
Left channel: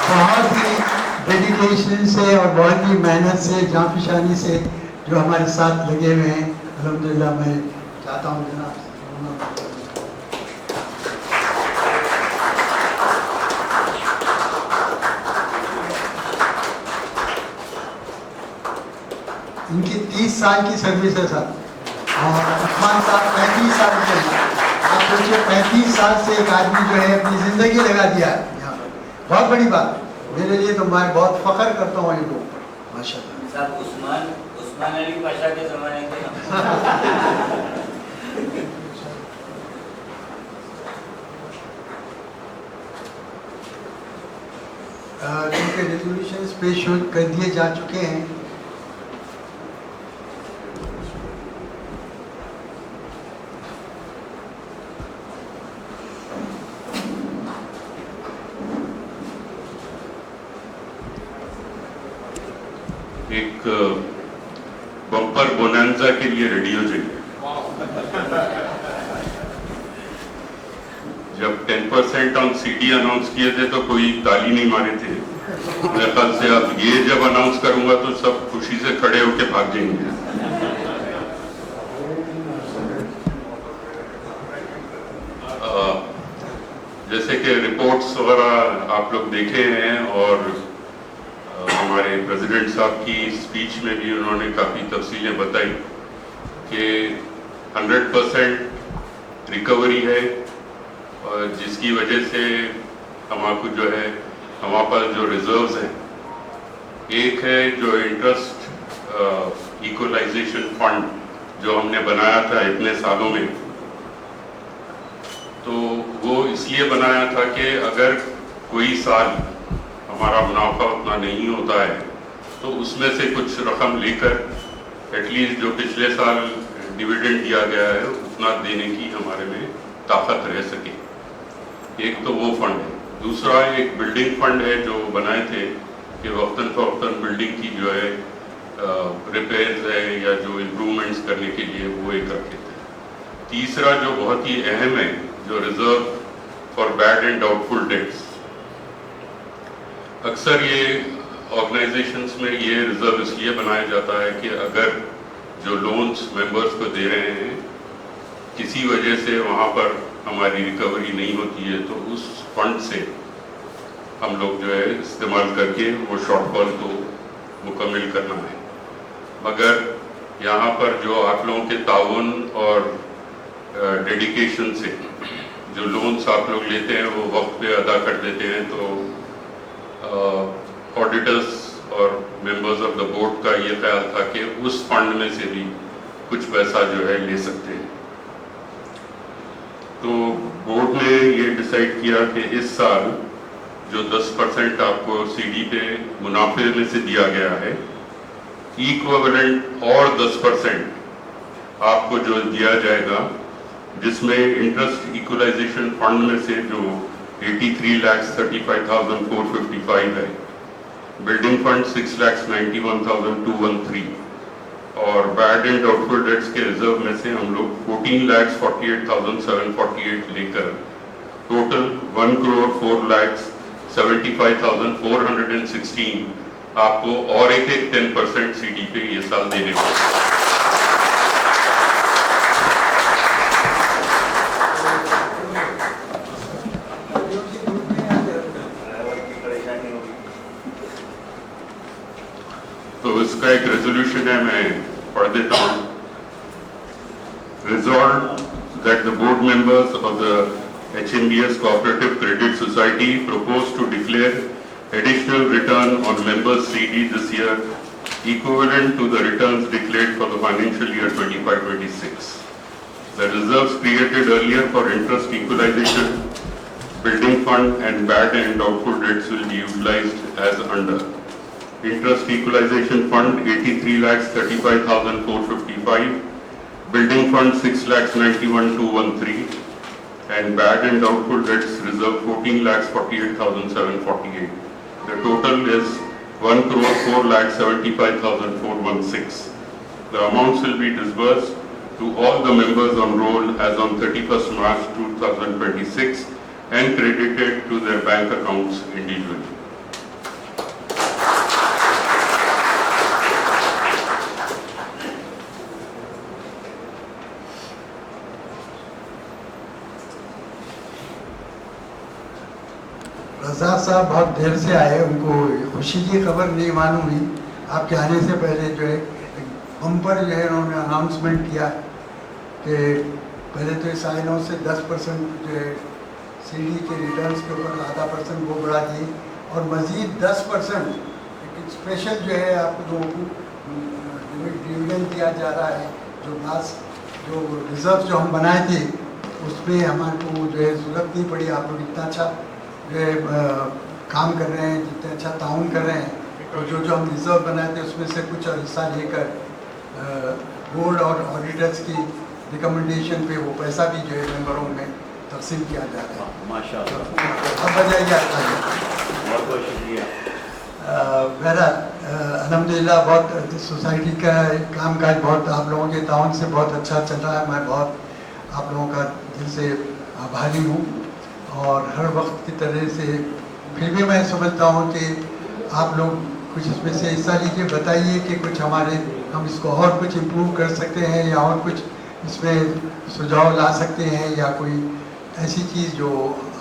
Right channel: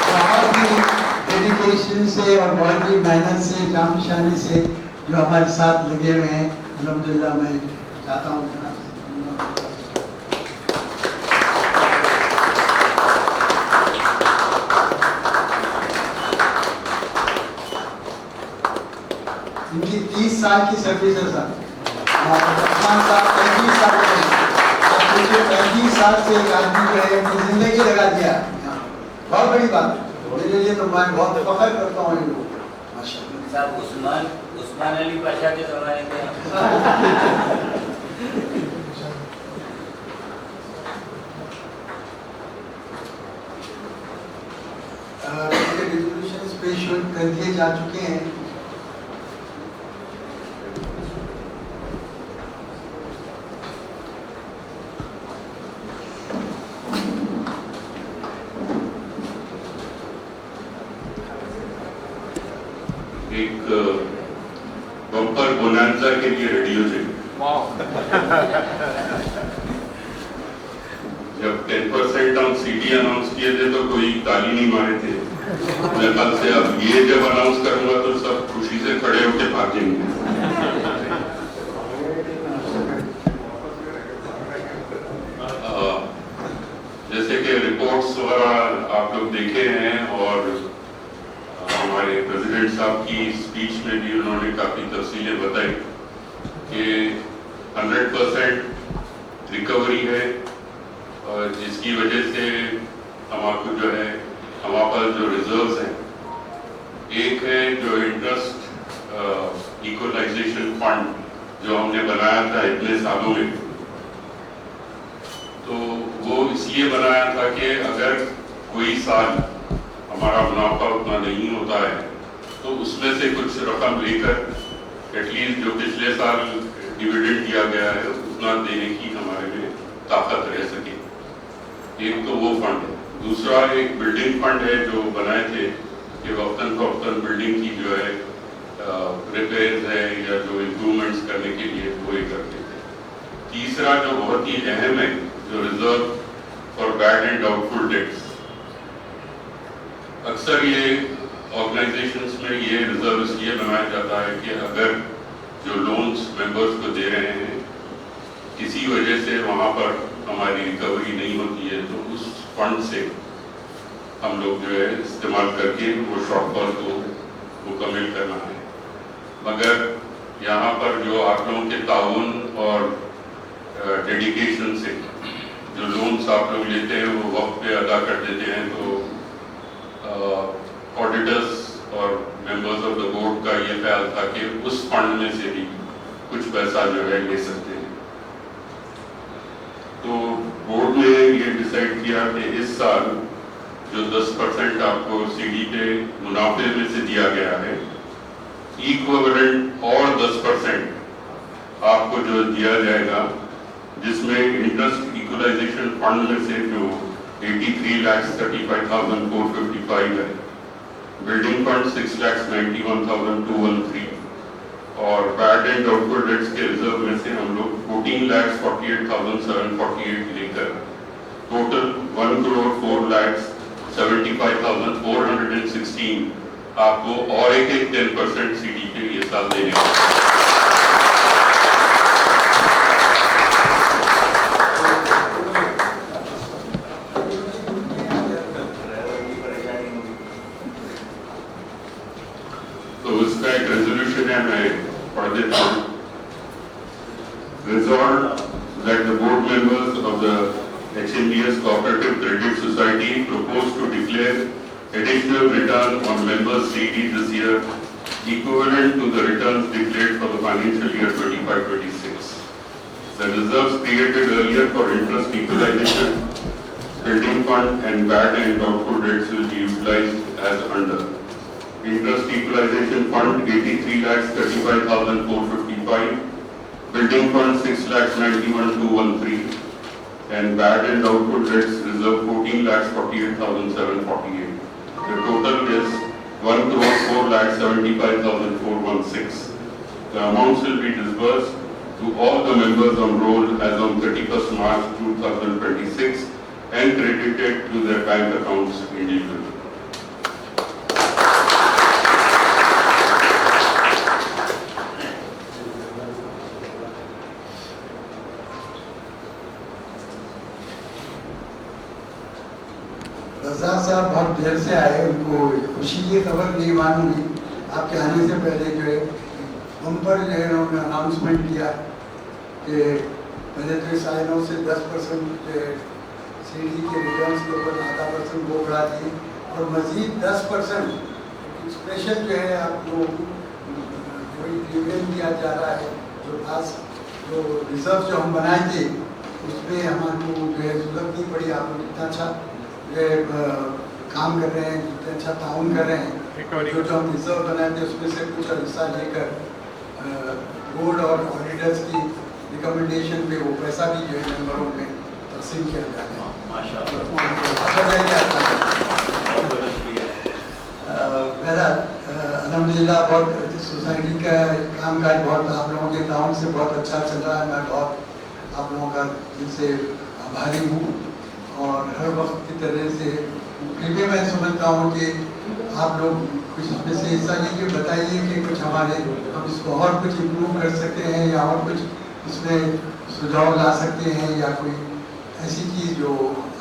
बहुत ही डेडिकेशन से और बहुत ही मेहनत से, जांपशानी से जो हमारे साथ लगे हुए हैं। अल्हम्दुलिल्लाह मैं चाहता हूँ जनाब इनकी 30 साल की सर्विस है सर, और खान साहब 35 साल के हैं। अब सोचिए 35 साल से एक आदमी जो है अपनी जिंदगी लगा दिया यहाँ, बहुत बड़ी बात मेरे लिए, तो मैं बहुत फख्र करता हूँ इनको माशाल्लाह। साहब उस्मान अली पाशा के ज़माने के इनके रेजोल्यूशन पेश कर दिए जा चुके हैं। एक बम्पर बोनांजा के लिए रेडी हो जाइए। जब 10% ऑन CD अनाउंस किए थे तो कोई ताली नहीं मारे थे। मेरे ख्याल से अब ये जब अनाउंस करूंगा तो सब खुशी से खड़े होकर भाग जाएंगे। जैसे कि रिपोर्ट्स वगैरह आप लोग देखे हैं, और हमारे प्रेसिडेंट साहब की स्पीच में भी उन्होंने काफ़ी तफसीलें बताई कि 100% रिकवरी है, और जिसकी वजह से हमारे जो है हमारे पास जो रिजर्व्स हैं, एक है जो इंटरेस्ट इक्वलाइजेशन फंड जो हमने बनाया था इतने सालों में, तो वो इसलिए बनाया था कि अगर कोई साल हमारा मुनाफा उतना नहीं होता है तो उसमें से कुछ रकम लेकर एटलीस्ट जो पिछले साल डिविडेंड दिया गया है उतना देने की हमारे में ताकत रह सके। एक तो वो फंड है। दूसरा एक बिल्डिंग फंड है जो बनाए थे कि वक्तन फवक्तन बिल्डिंग की जो है रिपेयर्स है या जो इम्प्रूवमेंट्स करने के लिए वो एक रखते थे। तीसरा जो बहुत ही अहम है, जो reserve for bad and doubtful debts, अक्सर ये ऑर्गेनाइजेशंस में ये रिजर्व इसलिए बनाया जाता है कि अगर जो लोन्स मेंबर्स को दे रहे हैं किसी वजह से वहाँ पर हमारी रिकवरी नहीं होती है तो उस फंड से हम लोग जो है इस्तेमाल करके वो शॉर्टफॉल को मुकम्मल करना है। मगर यहाँ पर जो आप लोगों के ताउन और डेडिकेशन से जो लोन्स आप लोग लेते हैं वो वक्त पे अदा कर देते हैं, तो ऑडिटर्स और मेंबर्स ऑफ द बोर्ड का ये ख्याल था कि उस फंड में से भी कुछ पैसा जो है ले सकते हैं। तो बोर्ड ने ये डिसाइड किया कि इस साल जो 10% आपको CD पे मुनाफे में से दिया गया है, इक्विवेलेंट और 10% आपको जो दिया जाएगा, जिसमें इंटरेस्ट इक्वलाइजेशन फंड में से जो 83,35,455 है, बिल्डिंग फंड 6,91,213 और बैड एंड डाउटफुल डेट्स के रिजर्व में से हम लोग 14,48,748 लेकर टोटल 1,04,75,416 आपको और एक 10% CD पे ये साल देने को। तो इसका एक रेजोल्यूशन है, मैं पढ़ देता हूँ। Resolved that the board members of the HMBS Cooperative Credit Society propose to declare additional return on members' CD this year equivalent to the returns declared for the financial year 25-26. The reserves created earlier for interest equalization, building fund and bad and doubtful debts will be utilized as under. Interest equalization fund 83,35,455, building fund 6,91,213, and bad and doubtful debts reserve 14,48,748. The total is 1,04,75,416. The amounts will be disbursed to all the members on roll as on 31st March 2026 and credited to their bank accounts individually. रजा साहब बहुत देर से आए, उनको खुशी की खबर नहीं मालूम हुई। आपके आने से पहले जो है बम्पर जो है उन्होंने अनाउंसमेंट किया कि पहले तो 9.5 से 10% जो है सीडी के रिटर्न्स के ऊपर %.5% वो बढ़ा दी और मज़ीद 10% स्पेशल जो है आपको डिविडेंड दिया जा रहा है। जो लास्ट जो रिजर्व जो हम बनाए थे उसमें हमको जो है जरूरत नहीं पड़ी। आप लोग इतना अच्छा जो है काम कर रहे हैं, जितना अच्छा ताउन कर रहे हैं, जो हम रिजर्व बनाए थे उसमें से कुछ हिस्सा लेकर बोर्ड और ऑडिटर्स की रिकमेंडेशन पे वो पैसा भी जो है मेंबरों में तकसीम किया जा रहा है। माशाअल्लाह, बहुत बहुत शुक्रिया। मेरा अल्हम्दुलिल्लाह बहुत सोसाइटी का कामकाज बहुत आप लोगों के ताउन से बहुत अच्छा चल रहा है। मैं बहुत आप लोगों का दिल से आभारी हूँ और हर वक्त की तरह से फिर भी मैं समझता हूँ कि आप लोग कुछ इसमें से हिस्सा लीजिए, बताइए कि कुछ हमारे हम इसको और कुछ इम्प्रूव कर सकते हैं या और कुछ इसमें सुझाव ला सकते हैं या कोई ऐसी चीज़ जो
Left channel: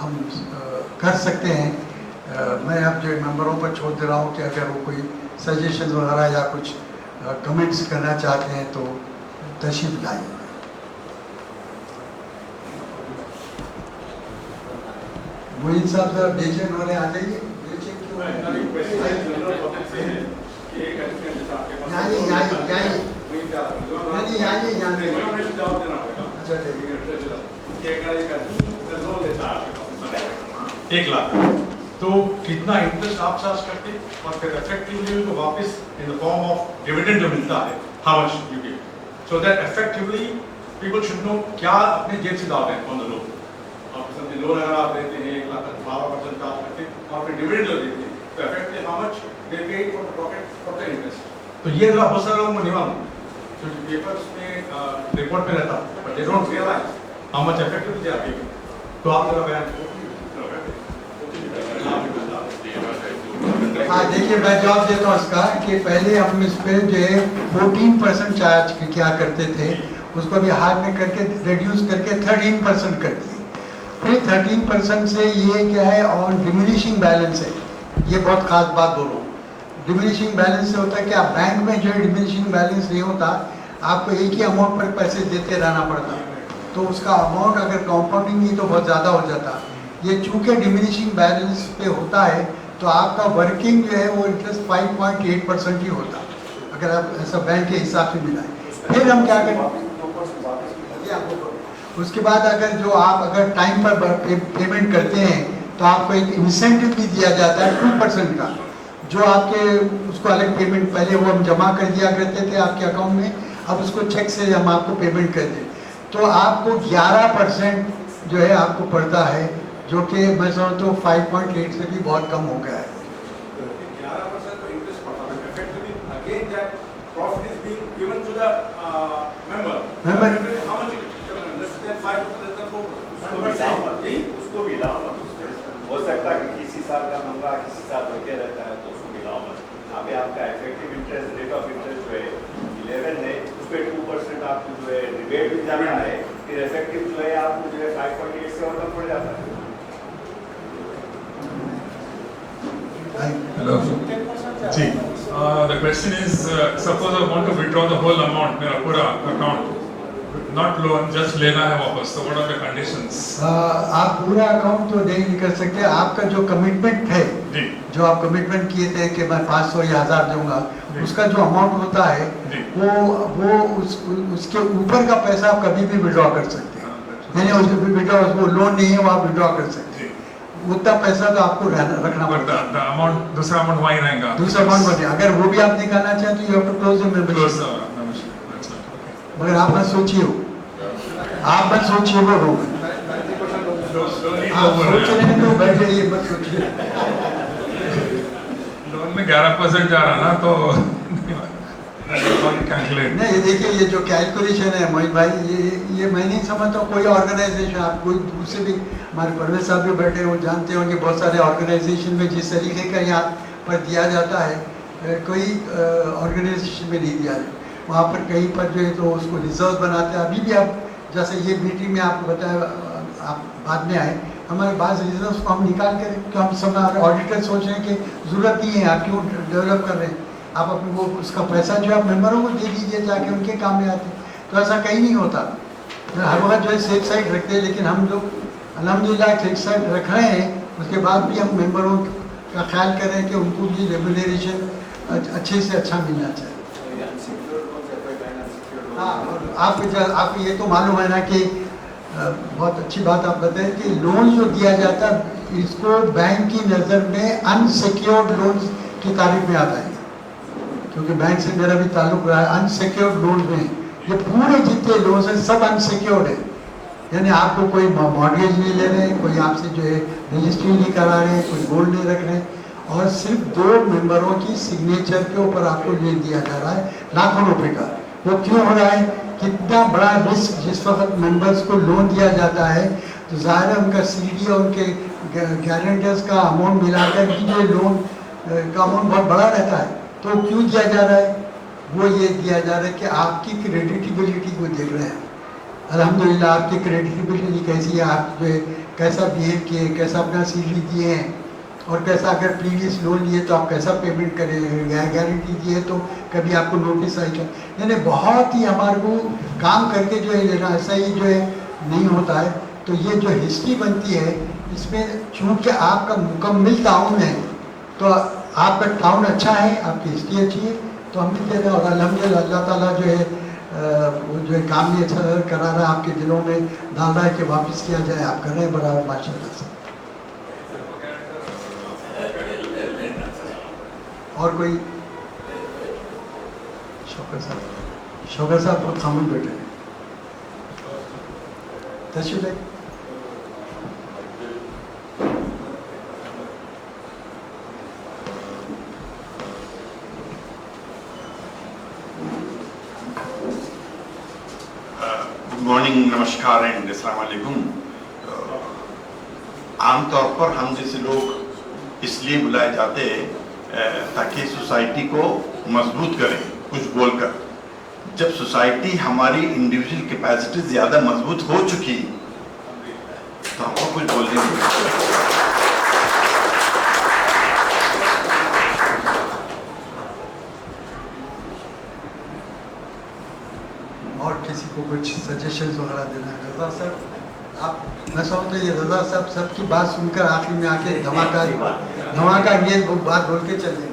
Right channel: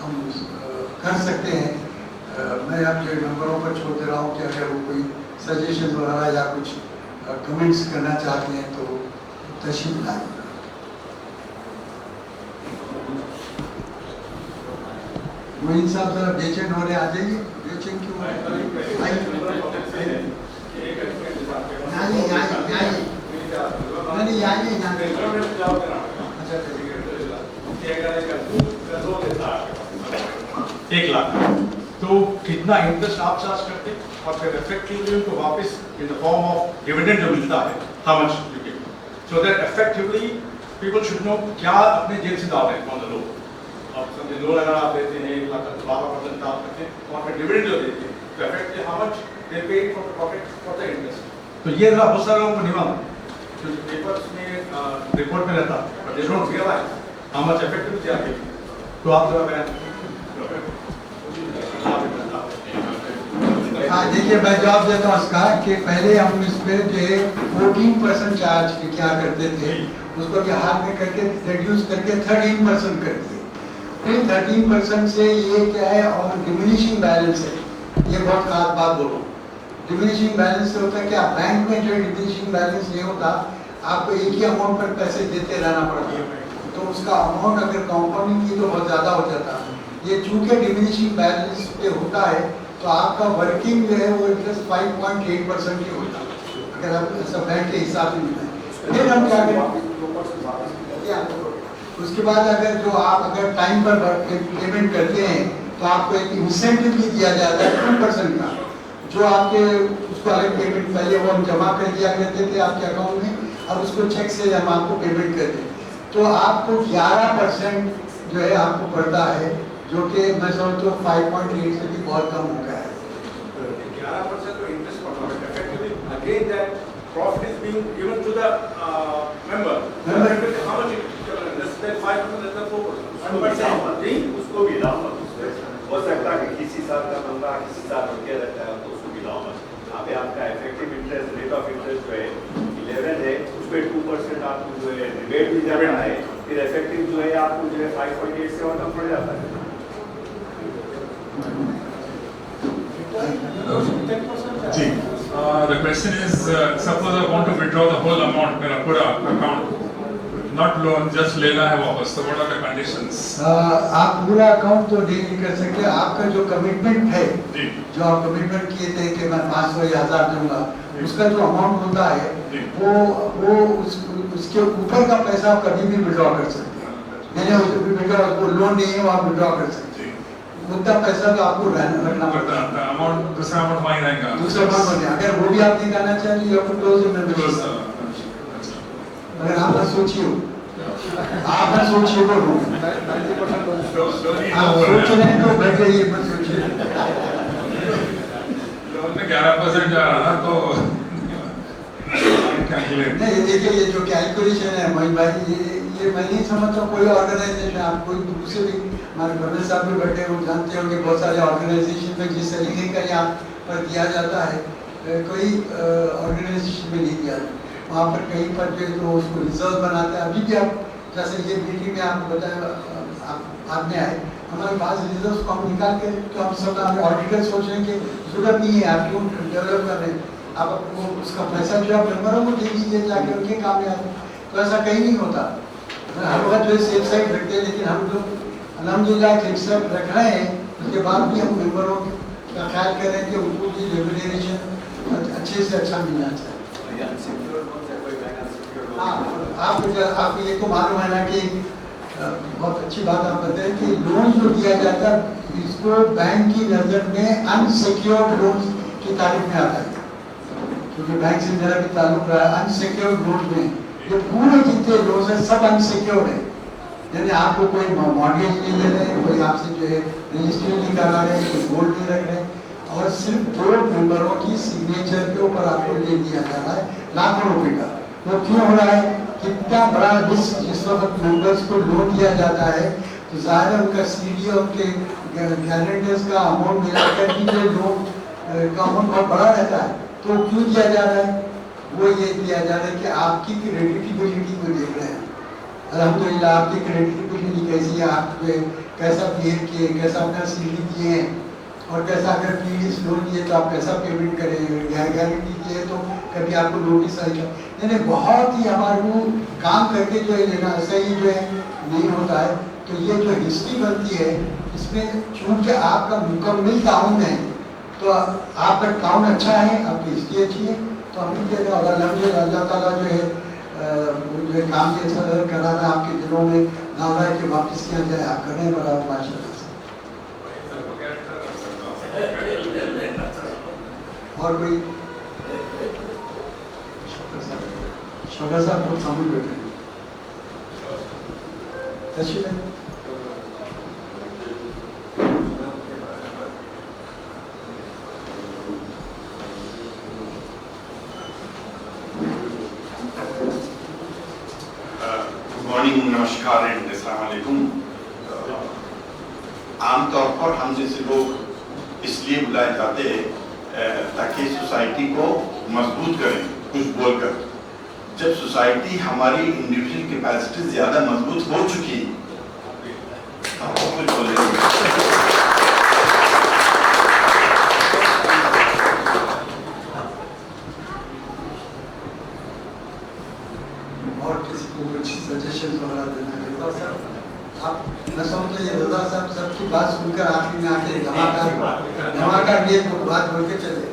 हम कर सकते हैं। मैं अब जो मेंबरों पर छोड़ दे रहा हूँ कि अगर वो कोई सजेशन वगैरह या कुछ कमेंट्स करना चाहते हैं तो तशरीफ लाएं। मोइन साहब जरा बेचैन होने आ जाइए। बेचैन क्यों है? एक लाख तो कितना इंटरेस्ट आप चार्ज करते और फिर इफेक्टिवली उनको वापस in the form of dividend जो मिलता है how much you give so that effectively people should know क्या अपने जेब से डाल रहे हैं कौन लोग। आप समझे लोन अगर आप देते हैं 12% आप करते हैं और फिर डिविडेंड जो देते हैं तो इफेक्टिवली हाउ मच दे पे for the profit for the interest. तो ये जरा बहुत सारे लोगों को नहीं मालूम, तो पेपर्स में रिपोर्ट में रहता but they don't realise how much effectively they are paying. तो आप जरा बयान देखिए मैं जवाब देता हूँ इसका कि पहले हम इस पे जो है 14% चार्ज क्या करते थे, उसको भी हाथ में करके रिड्यूस करके 13% कर दिए। फिर 13% से ये क्या है और डिमिनिशिंग बैलेंस है, ये बहुत खास बात बोलो। डिमिनिशिंग बैलेंस से होता है कि आप बैंक में जो है डिमिनिशिंग बैलेंस नहीं होता, आपको एक ही अमाउंट पर पैसे देते रहना पड़ता है, तो उसका अमाउंट अगर कंपाउंडिंग नहीं तो बहुत ज़्यादा हो जाता। ये चूँकि डिमिनिशिंग बैलेंस पे होता है तो आपका वर्किंग जो है वो इंटरेस्ट 5.8% ही होता, अगर आप ऐसा बैंक के हिसाब से मिलाएं। फिर हम क्या करें, उसके बाद अगर जो आप अगर टाइम पर पेमेंट करते हैं तो आपको एक इंसेंटिव भी दिया जाता है 2% का, जो आपके उसको अलग पेमेंट पहले वो हम जमा कर दिया करते थे आपके अकाउंट में, अब उसको चेक से हम आपको पेमेंट करते हैं तो आपको 11% जो है आपको पड़ता है, जो कि मैं समझता हूँ 5.8 से भी बहुत कम हो गया है। 11% का इंटरेस्ट पड़ता है effectively again that profit is being given to the member how much less than 5% less than 4%। उसको भी लाओ मत, हो सकता है कि किसी साल का नंबर किसी साल बढ़ते रहता है तो उसको भी लाओ मत। अभी आपका effective interest rate of interest जो है 11 है, उस पर 2% आपको जो है रिबेट भी जाना है, फिर इफेक्टिव जो है आपको जो है 5.8 से और कम पड़ जाता है। जी, the question is, suppose I want to withdraw the whole amount, मेरा पूरा account, not loan, just लेना है वापस, so what are the conditions? आप पूरा अकाउंट तो नहीं कर सकते, आपका जो कमिटमेंट है, जो आप कमिटमेंट किए थे कि मैं 500 या 1000 दूंगा, उसका जो अमाउंट होता है वो उसके ऊपर का पैसा आप कभी भी विड्रॉ कर सकते हैं, यानी उसको विड्रॉ, उसको लोन नहीं है वो आप विड्रॉ कर सकते हैं, उतना पैसा तो आपको रखना पड़ता है। अमाउंट दूसरा अमाउंट वहीं रहेगा, दूसरा अमाउंट बने, अगर वो भी आप निकालना चाहें तो you have to close the membership. मगर आप मत सोचिए वो, आप मत सोचिए वो लोग, 90% आप सोच रहे हैं तो बैठ जाइए, मत सोचिए। लोन में 11% जा रहा ना तो कैलकुलेट नहीं देखिए, ये जो कैलकुलेशन है मोइन भाई, ये मैं नहीं समझता हूँ कोई ऑर्गेनाइजेशन, आप कोई दूसरे भी, हमारे परवेज साहब भी बैठे वो जानते होंगे, बहुत सारे ऑर्गेनाइजेशन में जिस तरीके का यहाँ पर दिया जाता है, कोई ऑर्गेनाइजेशन में नहीं दिया जाता, वहाँ पर कहीं पर जो है तो उसको रिजर्व बनाते हैं। अभी भी आप जैसे ये मीटिंग में आपको बताया, आप बाद में आए, हमारे पास रिजर्व को हम निकाल कर, तो हम सब ऑडिटर सोच रहे हैं कि जरूरत नहीं है, आप क्यों डेवलप कर रहे हैं, आप अपने को उसका पैसा जो आप मेम्बरों को दे दीजिए जाके, उनके काम में आते। तो ऐसा कहीं नहीं होता, हर वक्त जो है सेफ साइड रखते हैं, लेकिन हम लोग अल्हम्दुलिल्लाह सेफ साइड रख रहे हैं, उसके बाद भी हम मेम्बरों का ख्याल करें कि उनको भी रेगुलेशन अच्छे से अच्छा मिलना चाहिए। हाँ, आप ये तो मालूम है ना कि बहुत अच्छी बात आप बताएं कि लोन जो दिया जाता है इसको बैंक की नज़र में अनसिक्योर्ड लोन की तारीफ में आता है, क्योंकि बैंक से मेरा भी ताल्लुक रहा है। अनसिक्योर्ड लोन में ये पूरे जितने लोन है सब अनसिक्योर्ड है, यानी आपको कोई मॉर्गेज नहीं ले रहे, कोई आपसे जो है रजिस्ट्री नहीं करा रहे, कोई गोल्ड नहीं रख रहे, और सिर्फ 2 मेंबरों की सिग्नेचर के ऊपर आपको ले दिया जा रहा है लाखों रुपए का। वो क्यों हो रहा है? कितना बड़ा रिस्क, जिस वक्त मेंबर्स को लोन दिया जाता है तो ज़ाहिर है उनका सीडी और उनके गारंटर्स का अमाउंट मिलाकर भी जो लोन का अमाउंट बहुत बड़ा रहता है। तो क्यों दिया जा रहा है? वो ये दिया जा रहा है कि आपकी क्रेडिटेबिलिटी को देख रहे हैं, अल्हम्दुलिल्लाह आपकी क्रेडिटेबिलिटी कैसी है, आप जो है कैसा बिहेव किए, कैसा अपना सीडी दिए हैं, और कैसा अगर प्रीवियस लोन लिए तो आप कैसा पेमेंट करें, गारंटी दिए तो कभी आपको नोटिस आई, यानी बहुत ही हमारे को काम करके जो है लेना, ऐसा ही जो है नहीं होता है। तो ये जो हिस्ट्री बनती है इसमें चूँकि आपका मुकम्मल टाउन है, तो आपका टाउन अच्छा है, आपकी हिस्ट्री अच्छी है, तो हम भी कह रहे हैं और अल्हम्दुलिल्लाह अल्लाह ताला जो है वो जो है काम भी अच्छा करा रहा है, आपके दिलों में डाल रहा है कि वापस किया जाए, आप कर रहे हैं बड़ा माशाअल्लाह से। और कोई? शौकत साहब बहुत सामने बैठे हैं, तशरीफ है। गुड मॉर्निंग, नमस्कार एंड अस्सलाम वालेकुम। आमतौर पर हम जैसे लोग इसलिए बुलाए जाते हैं ताकि सोसाइटी को मजबूत करें कुछ बोलकर। जब सोसाइटी हमारी इंडिविजुअल कैपेसिटी ज़्यादा मजबूत हो चुकी तो आपको कुछ बोलने की और किसी को कुछ सजेशन वगैरह देना है? रजा साहब, आप न समझते, ये रजा साहब सबकी बात सुनकर आखिर में आके धमाका ये बात बोल के चले।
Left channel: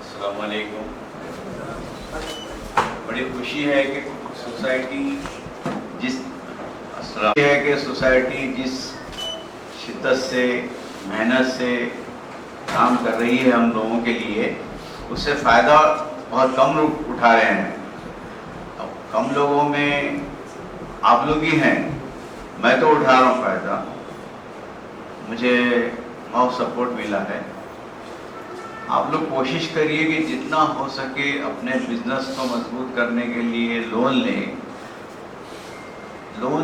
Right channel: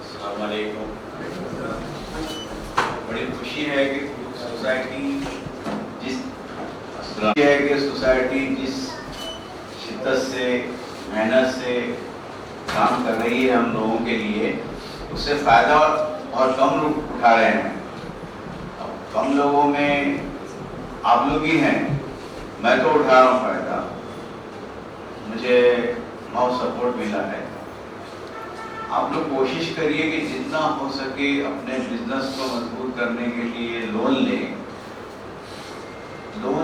अस्सलाम वालेकुम। बड़ी खुशी है कि सोसाइटी जिस शिद्दत से, मेहनत से काम कर रही है हम लोगों के लिए, उससे फ़ायदा बहुत कम लोग उठा रहे हैं। अब कम लोगों में आप लोग ही हैं, मैं तो उठा रहा हूँ फ़ायदा, मुझे बहुत सपोर्ट मिला है। आप लोग कोशिश करिए कि जितना हो सके अपने बिजनेस को मजबूत करने के लिए लोन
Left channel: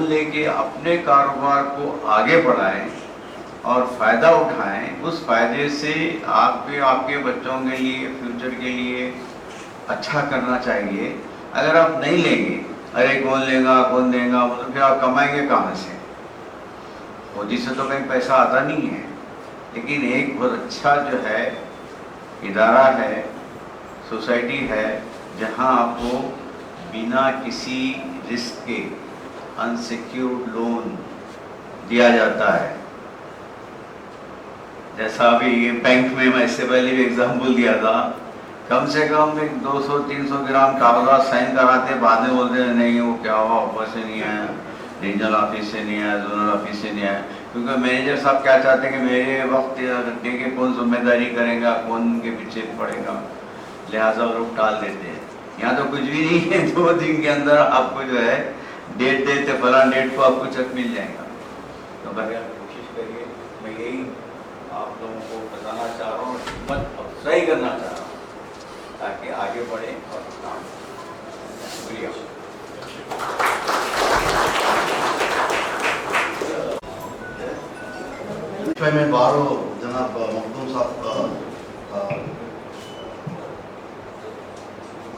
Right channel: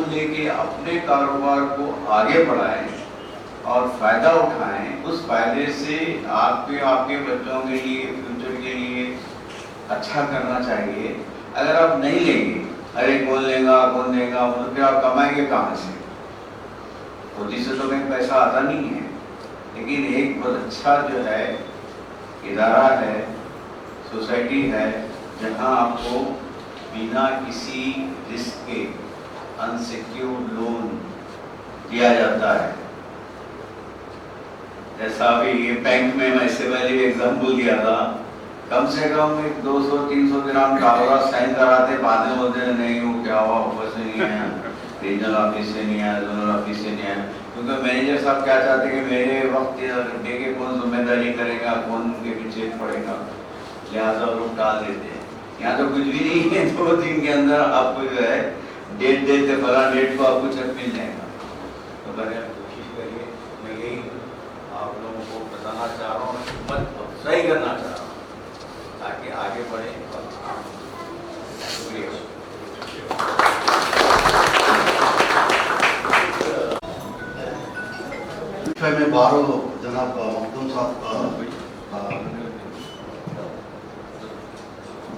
लेके अपने कारोबार को आगे बढ़ाएं और फ़ायदा उठाएं। उस फ़ायदे से आपके बच्चों के लिए, फ्यूचर के लिए अच्छा करना चाहिए। अगर आप नहीं लेंगे, अरे कौन देगा, मतलब फिर आप कमाएंगे कहाँ से? फौजी से तो कहीं पैसा आता नहीं है। लेकिन एक बहुत अच्छा जो है इदारा है, सोसाइटी है, जहाँ आपको बिना किसी रिस्क के अनसिक्योर्ड लोन दिया जाता है। जैसा अभी बैंक में मैं इससे पहले भी एग्जाम्पल दिया था, कम से कम एक 200-300 ग्राम कागजात साइन कराते, बाद में बोलते हैं नहीं वो क्या हुआ, ऑफिस से नहीं आया, रीजनल ऑफिस से नहीं आया, जोनल ऑफिस से नहीं आया, क्योंकि मैनेजर साहब क्या चाहते हैं कि मेरे वक्त डे के कौन जिम्मेदारी करेगा, कौन उनके पीछे पड़ेगा, लिहाजा लोग टाल देते हैं। यहाँ तो कुछ भी नहीं है, 2 दिन के अंदर आपको जो है डेट देते, फला डेट को आपको चेक मिल जाएगा। तो बगैर कोशिश करिए, मैं यही आप लोगों को बताना चाह रहा हूँ, हिम्मत अफजाई करना चाह रहा हूँ ताकि आगे बढ़े और काम। शुक्रिया। If I may borrow Janab Makhdoom Sahab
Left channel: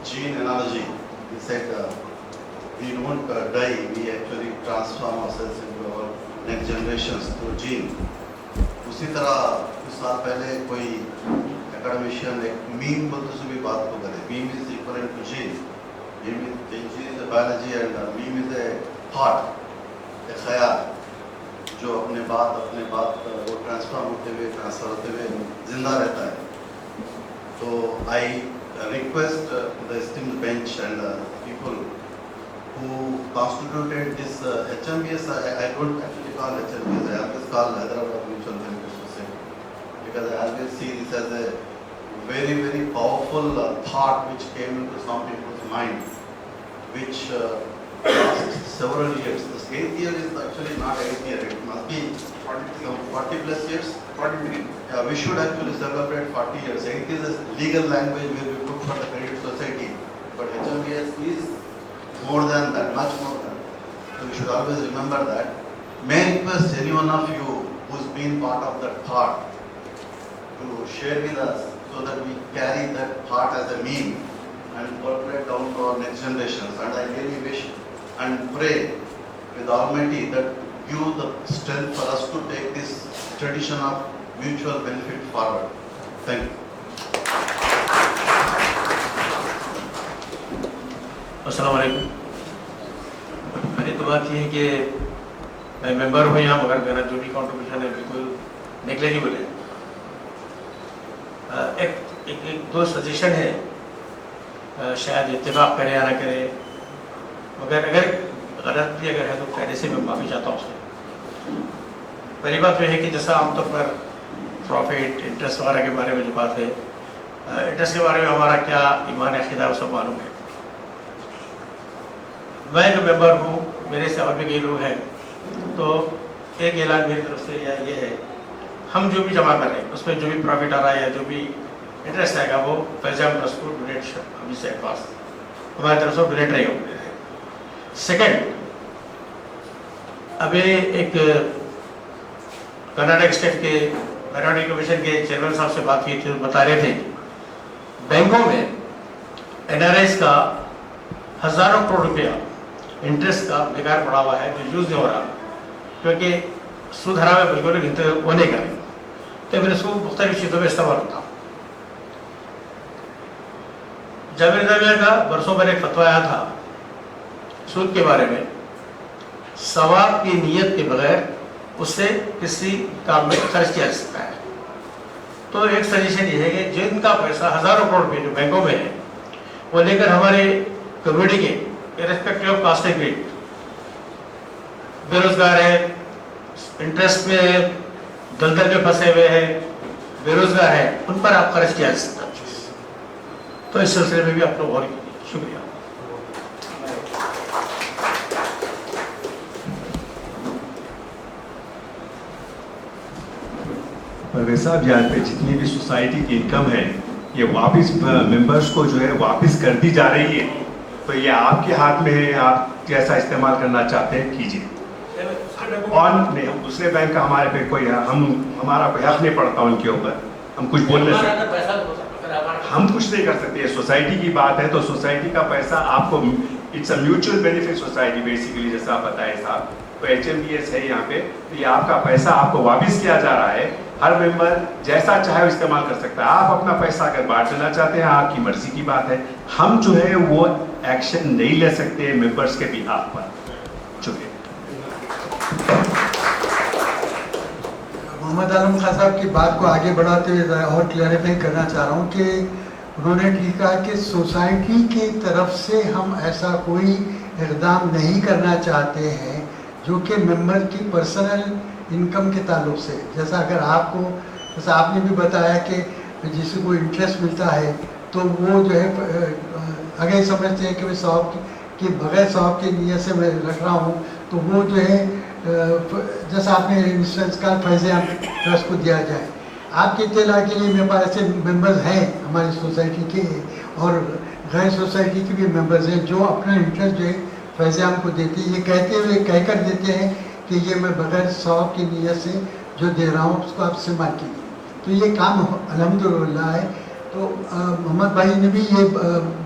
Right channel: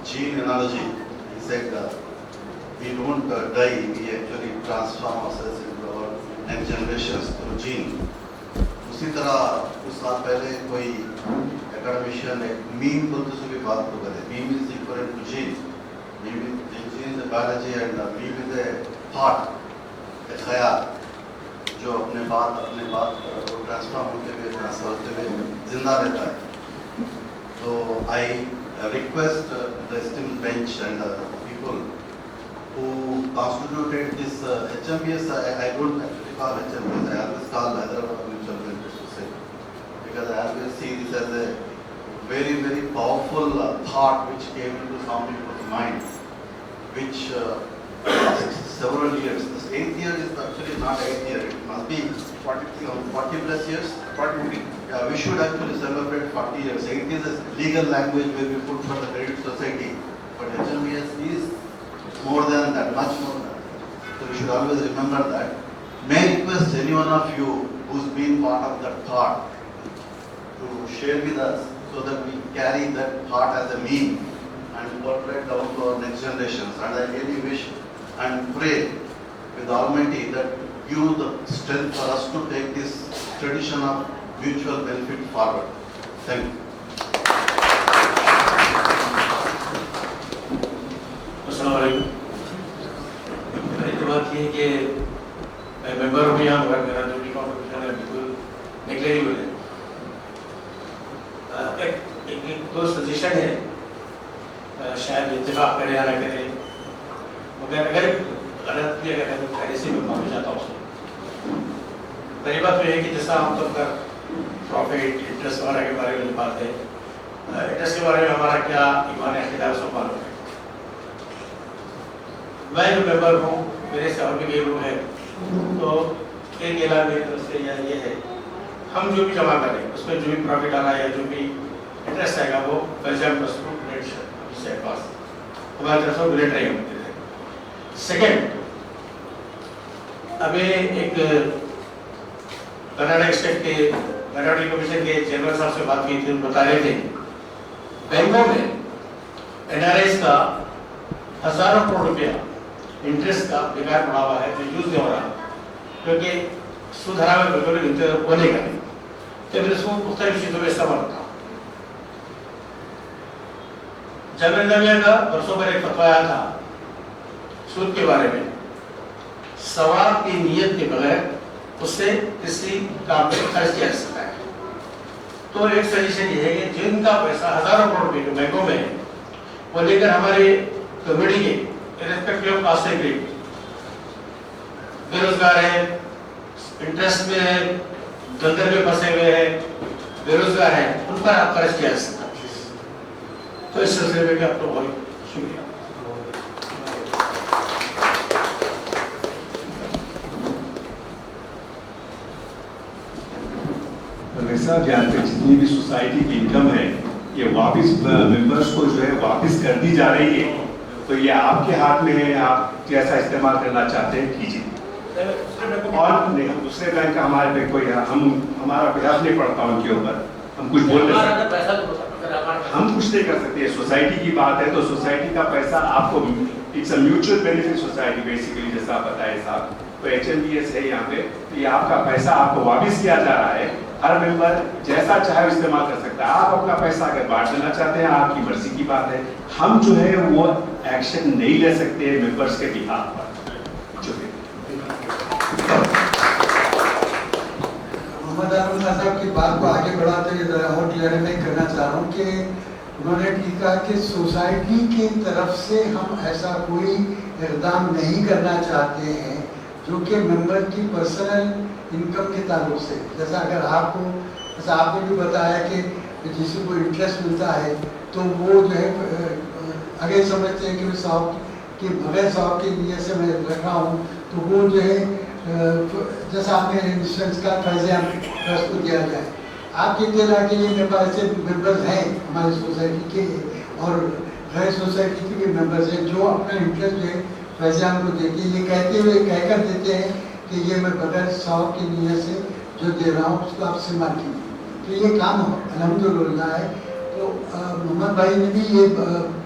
gene analogy, he said we don't die, we actually transform ourselves into our next generations through gene. उसी तरह कुछ साल पहले कोई एकेडमिशियन एक मीम बोलते से भी बात को करे, meme is equal to gene, gene is a biology and meme is a thought, a ख्याल जो अपने बात वो ट्रांसफॉर्म होते हुए ट्रांसफर होते हुए जिंदा रहता है। तो I request the esteemed bench and people who constituted this HMBS, I don't actually call HMBS, I always call Hyderabad Mutual Benefit Society, because I always see this as a very, very powerful thought which came into some people's mind, which lasts several years. This 8th year is actually not 8th year, it must be 40 plus years. 43. Yeah, we should actually celebrate 40 years. 8th is a legal language where we put for the credit society, but HMBS is more than that, much more than that. So we should always remember that. May I request any one of you who's been part of that thought to share with us so that we carry that thought as a meme and portray down to our next generations. And I really wish and pray with Almighty that give the strength for us to take this tradition of mutual benefit forward. Thank you. अस्सलाम वालेकुम। पहली तो बात ये है कि मैं member हूँ यहाँ, मगर मेरा जो भी कॉन्ट्रीब्यूशन है बिल्कुल नेग्लेजिबल है। एक दो सजेशन है, शायद इत्तेफाक करे या ना करे, मगर अगर गलत भी अगर है तो खैर से मैं माफी चाहता हूँ उसको। पहली बात तो ये है कि जैसा आमतौर पर प्रॉफिट इंटरेस्ट वगैरह के बारे में जो बात है, इंटरेस्ट के बारे में हमारा क्या ईमान अक़ीदा है सब मालूम है। मैं जो मेंबर हूँ, मेरे से और भी कई लोग हैं, तो एक ऐलान मेरी तरफ से ये है, हम जो भी जमा कर रहे हैं उसमें जो भी प्रॉफिट आ रहा है या जो भी इंटरेस्ट आएगा वो पैसा डोनेट अभी से पास हमारी तरफ से डोनेट रहे होंगे। सेकेंड, अभी एक कर्नाटक स्टेट के माइनॉरिटी कमीशन के चेयरमैन साहब से बात की थी, बता रहे थे बैंकों में NRIs का हजारों करोड़ रुपया इंटरेस्ट का बेकार पड़ा हुआ है जो यूज नहीं हो रहा, क्योंकि सूद हराम में बिल्कुल गिनते होने का नहीं। तो मैंने उसको मुख्तलिफ चीज़ों में इस्तेमाल होता हूँ। जाबिर नबिया का बरसों पर एक फतवा आया था सूद के बारे में, सवाब की नीयत के बगैर उससे किसी काम में खर्च किया जा सकता है। तो एक सजेशन ये है कि जिनका पैसा हजारों करोड़ रुपये जो बैंकों में है वो लेकर हमारे कम्युनिटी के irrespective of caste and creed, बेरोजगार है, इंटरेस्ट में है, दलदल में फंसे हुए हैं, बेरोजगार है, उन पर आप खर्च किया जा सकता है। तो इस सिलसिले में भी आपका बहुत शुक्रिया। वैसे आप जानते हैं जितनी भी सोसाइटी की इनकम है ये वापस मेंबर्स को जो है वापस कर दी जा रही है, तो ये आपके हाथ में है, आप कैसा इस्तेमाल करना चाहते हैं कीजिए। और नहीं, हम दूसरे बैंक का हमारे पे कोई हमारा प्रयास नहीं पड़ता उनके ऊपर, हम कुछ बोल नहीं सकते, हम कुछ नहीं कर सकते। सोसाइटी की बात है तो सोसाइटी का पैसा आपको, it's a mutual benefit society basically, जैसा आप बताए साहब, तो HMBS है यहाँ पे, तो ये आपका पैसा आपको वापस किया जा रहा है। हर मेंबर जैसा चाहे इस्तेमाल कर सकता है। आप अपना पैसा अगर बांट देना चाहते हैं आपकी मर्जी की बात है, हम जो है वो एक्शन नहीं ले सकते मेंबर्स के बिहाफ पर। मोहम्मद मोहम्मद आलम खान साहब की बात को आगे बढ़ाते हुए ज़रा और क्लैरिफाई करना चाह रहा हूँ कि उन्होंने ठीक कहा कि सोसाइटी की तरफ से हम ऐसा कोई इक़दाम नहीं करना चाहते हैं जो कि मेंबर की पर्सनल इनकम के ताल्लुक से, जैसा अगर आपको, जैसा आपने भी बताया कि जिसे कोई इंटरेस्ट मिलता है तो वो जो है अगर समझते हैं कि मैं सौब कि बगैर सौब की नीयत से मैं लग रहा हूँ, तो वो जो है जैसा आपने इंश्योरेंस का फैज़ ट्रस्ट को दिया जाए। आपके इत्तला के लिए मेरे पास ऐसे मेंबर्स हैं हमारी सोसाइटी के और गैर सोसाइटी के भी मेंबर्स हैं जो अपना इंटरेस्ट जो है फैज़ को देते हैं, ये कहते हुए कहकर देते हैं कि ये मैं बगैर सौब की नीयत से जो दे रहा हूँ उसको आप इस्तेमाल कीजिए। तो ये काम अल्हम्दुलिल्लाह है। तो मोहम्मद भाई ने भी ये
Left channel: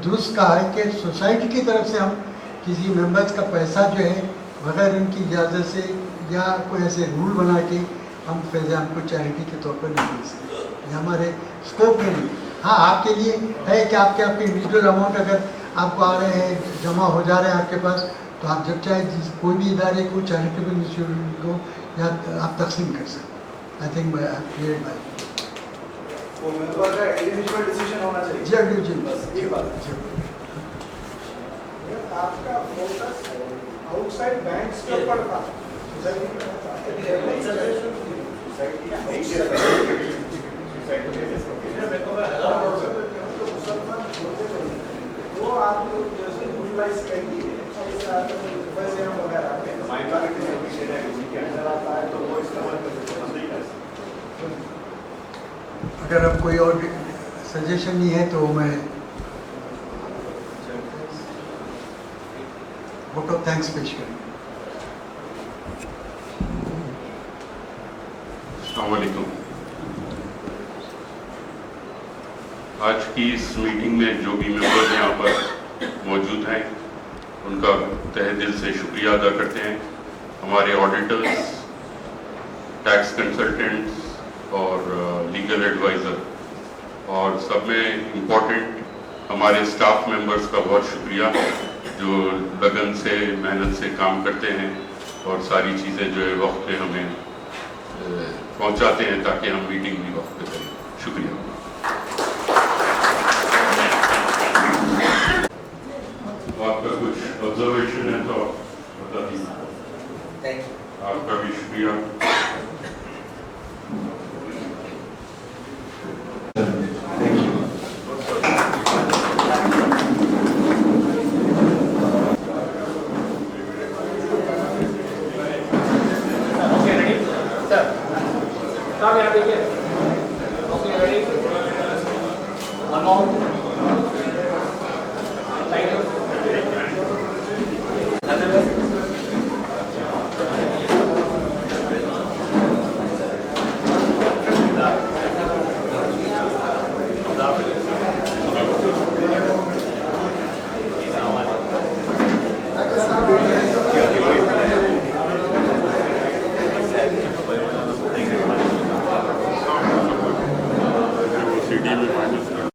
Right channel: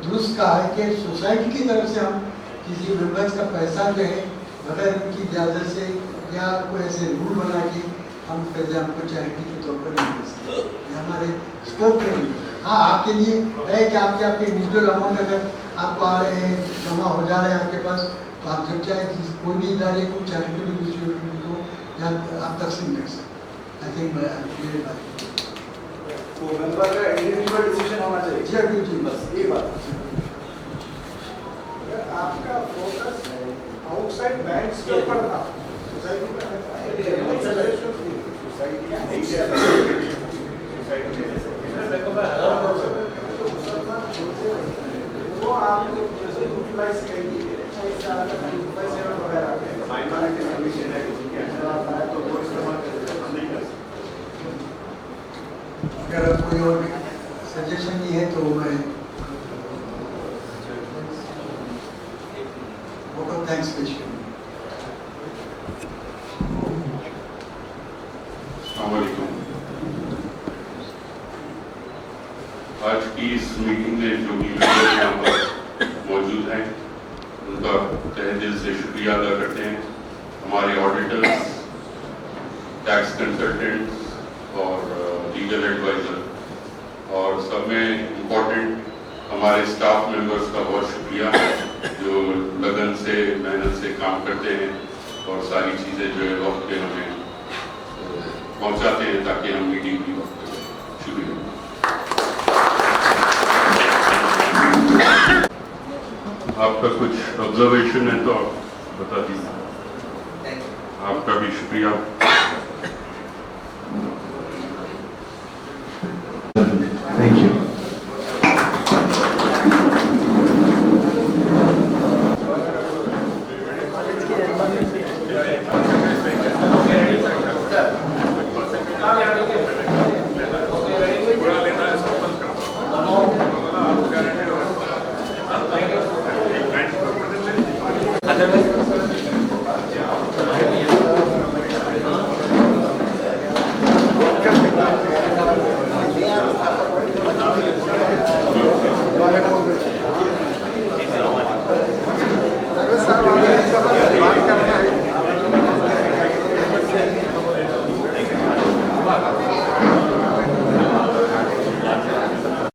दुरुस्त कहा है कि सोसाइटी की तरफ से हम किसी मेंबर्स का पैसा जो है बगैर उनकी इजाज़त से या कोई ऐसे रूल बना के हम फैज़ान को चैरिटी के तौर पर नहीं दे सकते, ये हमारे स्कोप में नहीं। हाँ, आपके लिए है कि आपके इंडिविजुअल अमाउंट अगर आपको आ रहे हैं, जमा हो जा रहे हैं आपके पास, तो आप जब चाहे कोई भी इदारे को चैरिटेबल इंस्टीट्यूट को या आप तकसीम कर सकते। आई थिंक तो मेंबर का इंडिविजुअल डिसीजन होना चाहिए। जी बस ये बात। आपका फोकस आउटसाइड बैंक्स के ऊपर था, वो आप यूटिलाइज करेंगे पैसे वगैरह अगर अब कोई और सजेशन नहीं है तो मैं वोट ऑफ थैंक्स पेश करूँ। अस्सलाम वालेकुम। आज की इस मीटिंग में जो भी मेंबर यहाँ पर मौजूद हैं उनका तहे दिल से शुक्रिया अदा करते हैं। हमारे ऑडिटर्स, टैक्स कंसल्टेंट्स और लीगल एडवाइज़र और सब में इम्पोर्टेंट हमारे स्टाफ मेंबर्स का बहुत शुक्रिया जो लगन से मेहनत से काम करते हैं और सारी चीज़ें जो है वक्त पे हमें पहुंचाते हैं ताकि हम मीटिंग भी वक्त पे करें। शुक्रिया। आपका कुछ ऑब्जर्वेशन है तो आप बता दीजिए। आपका भी शुक्रिया।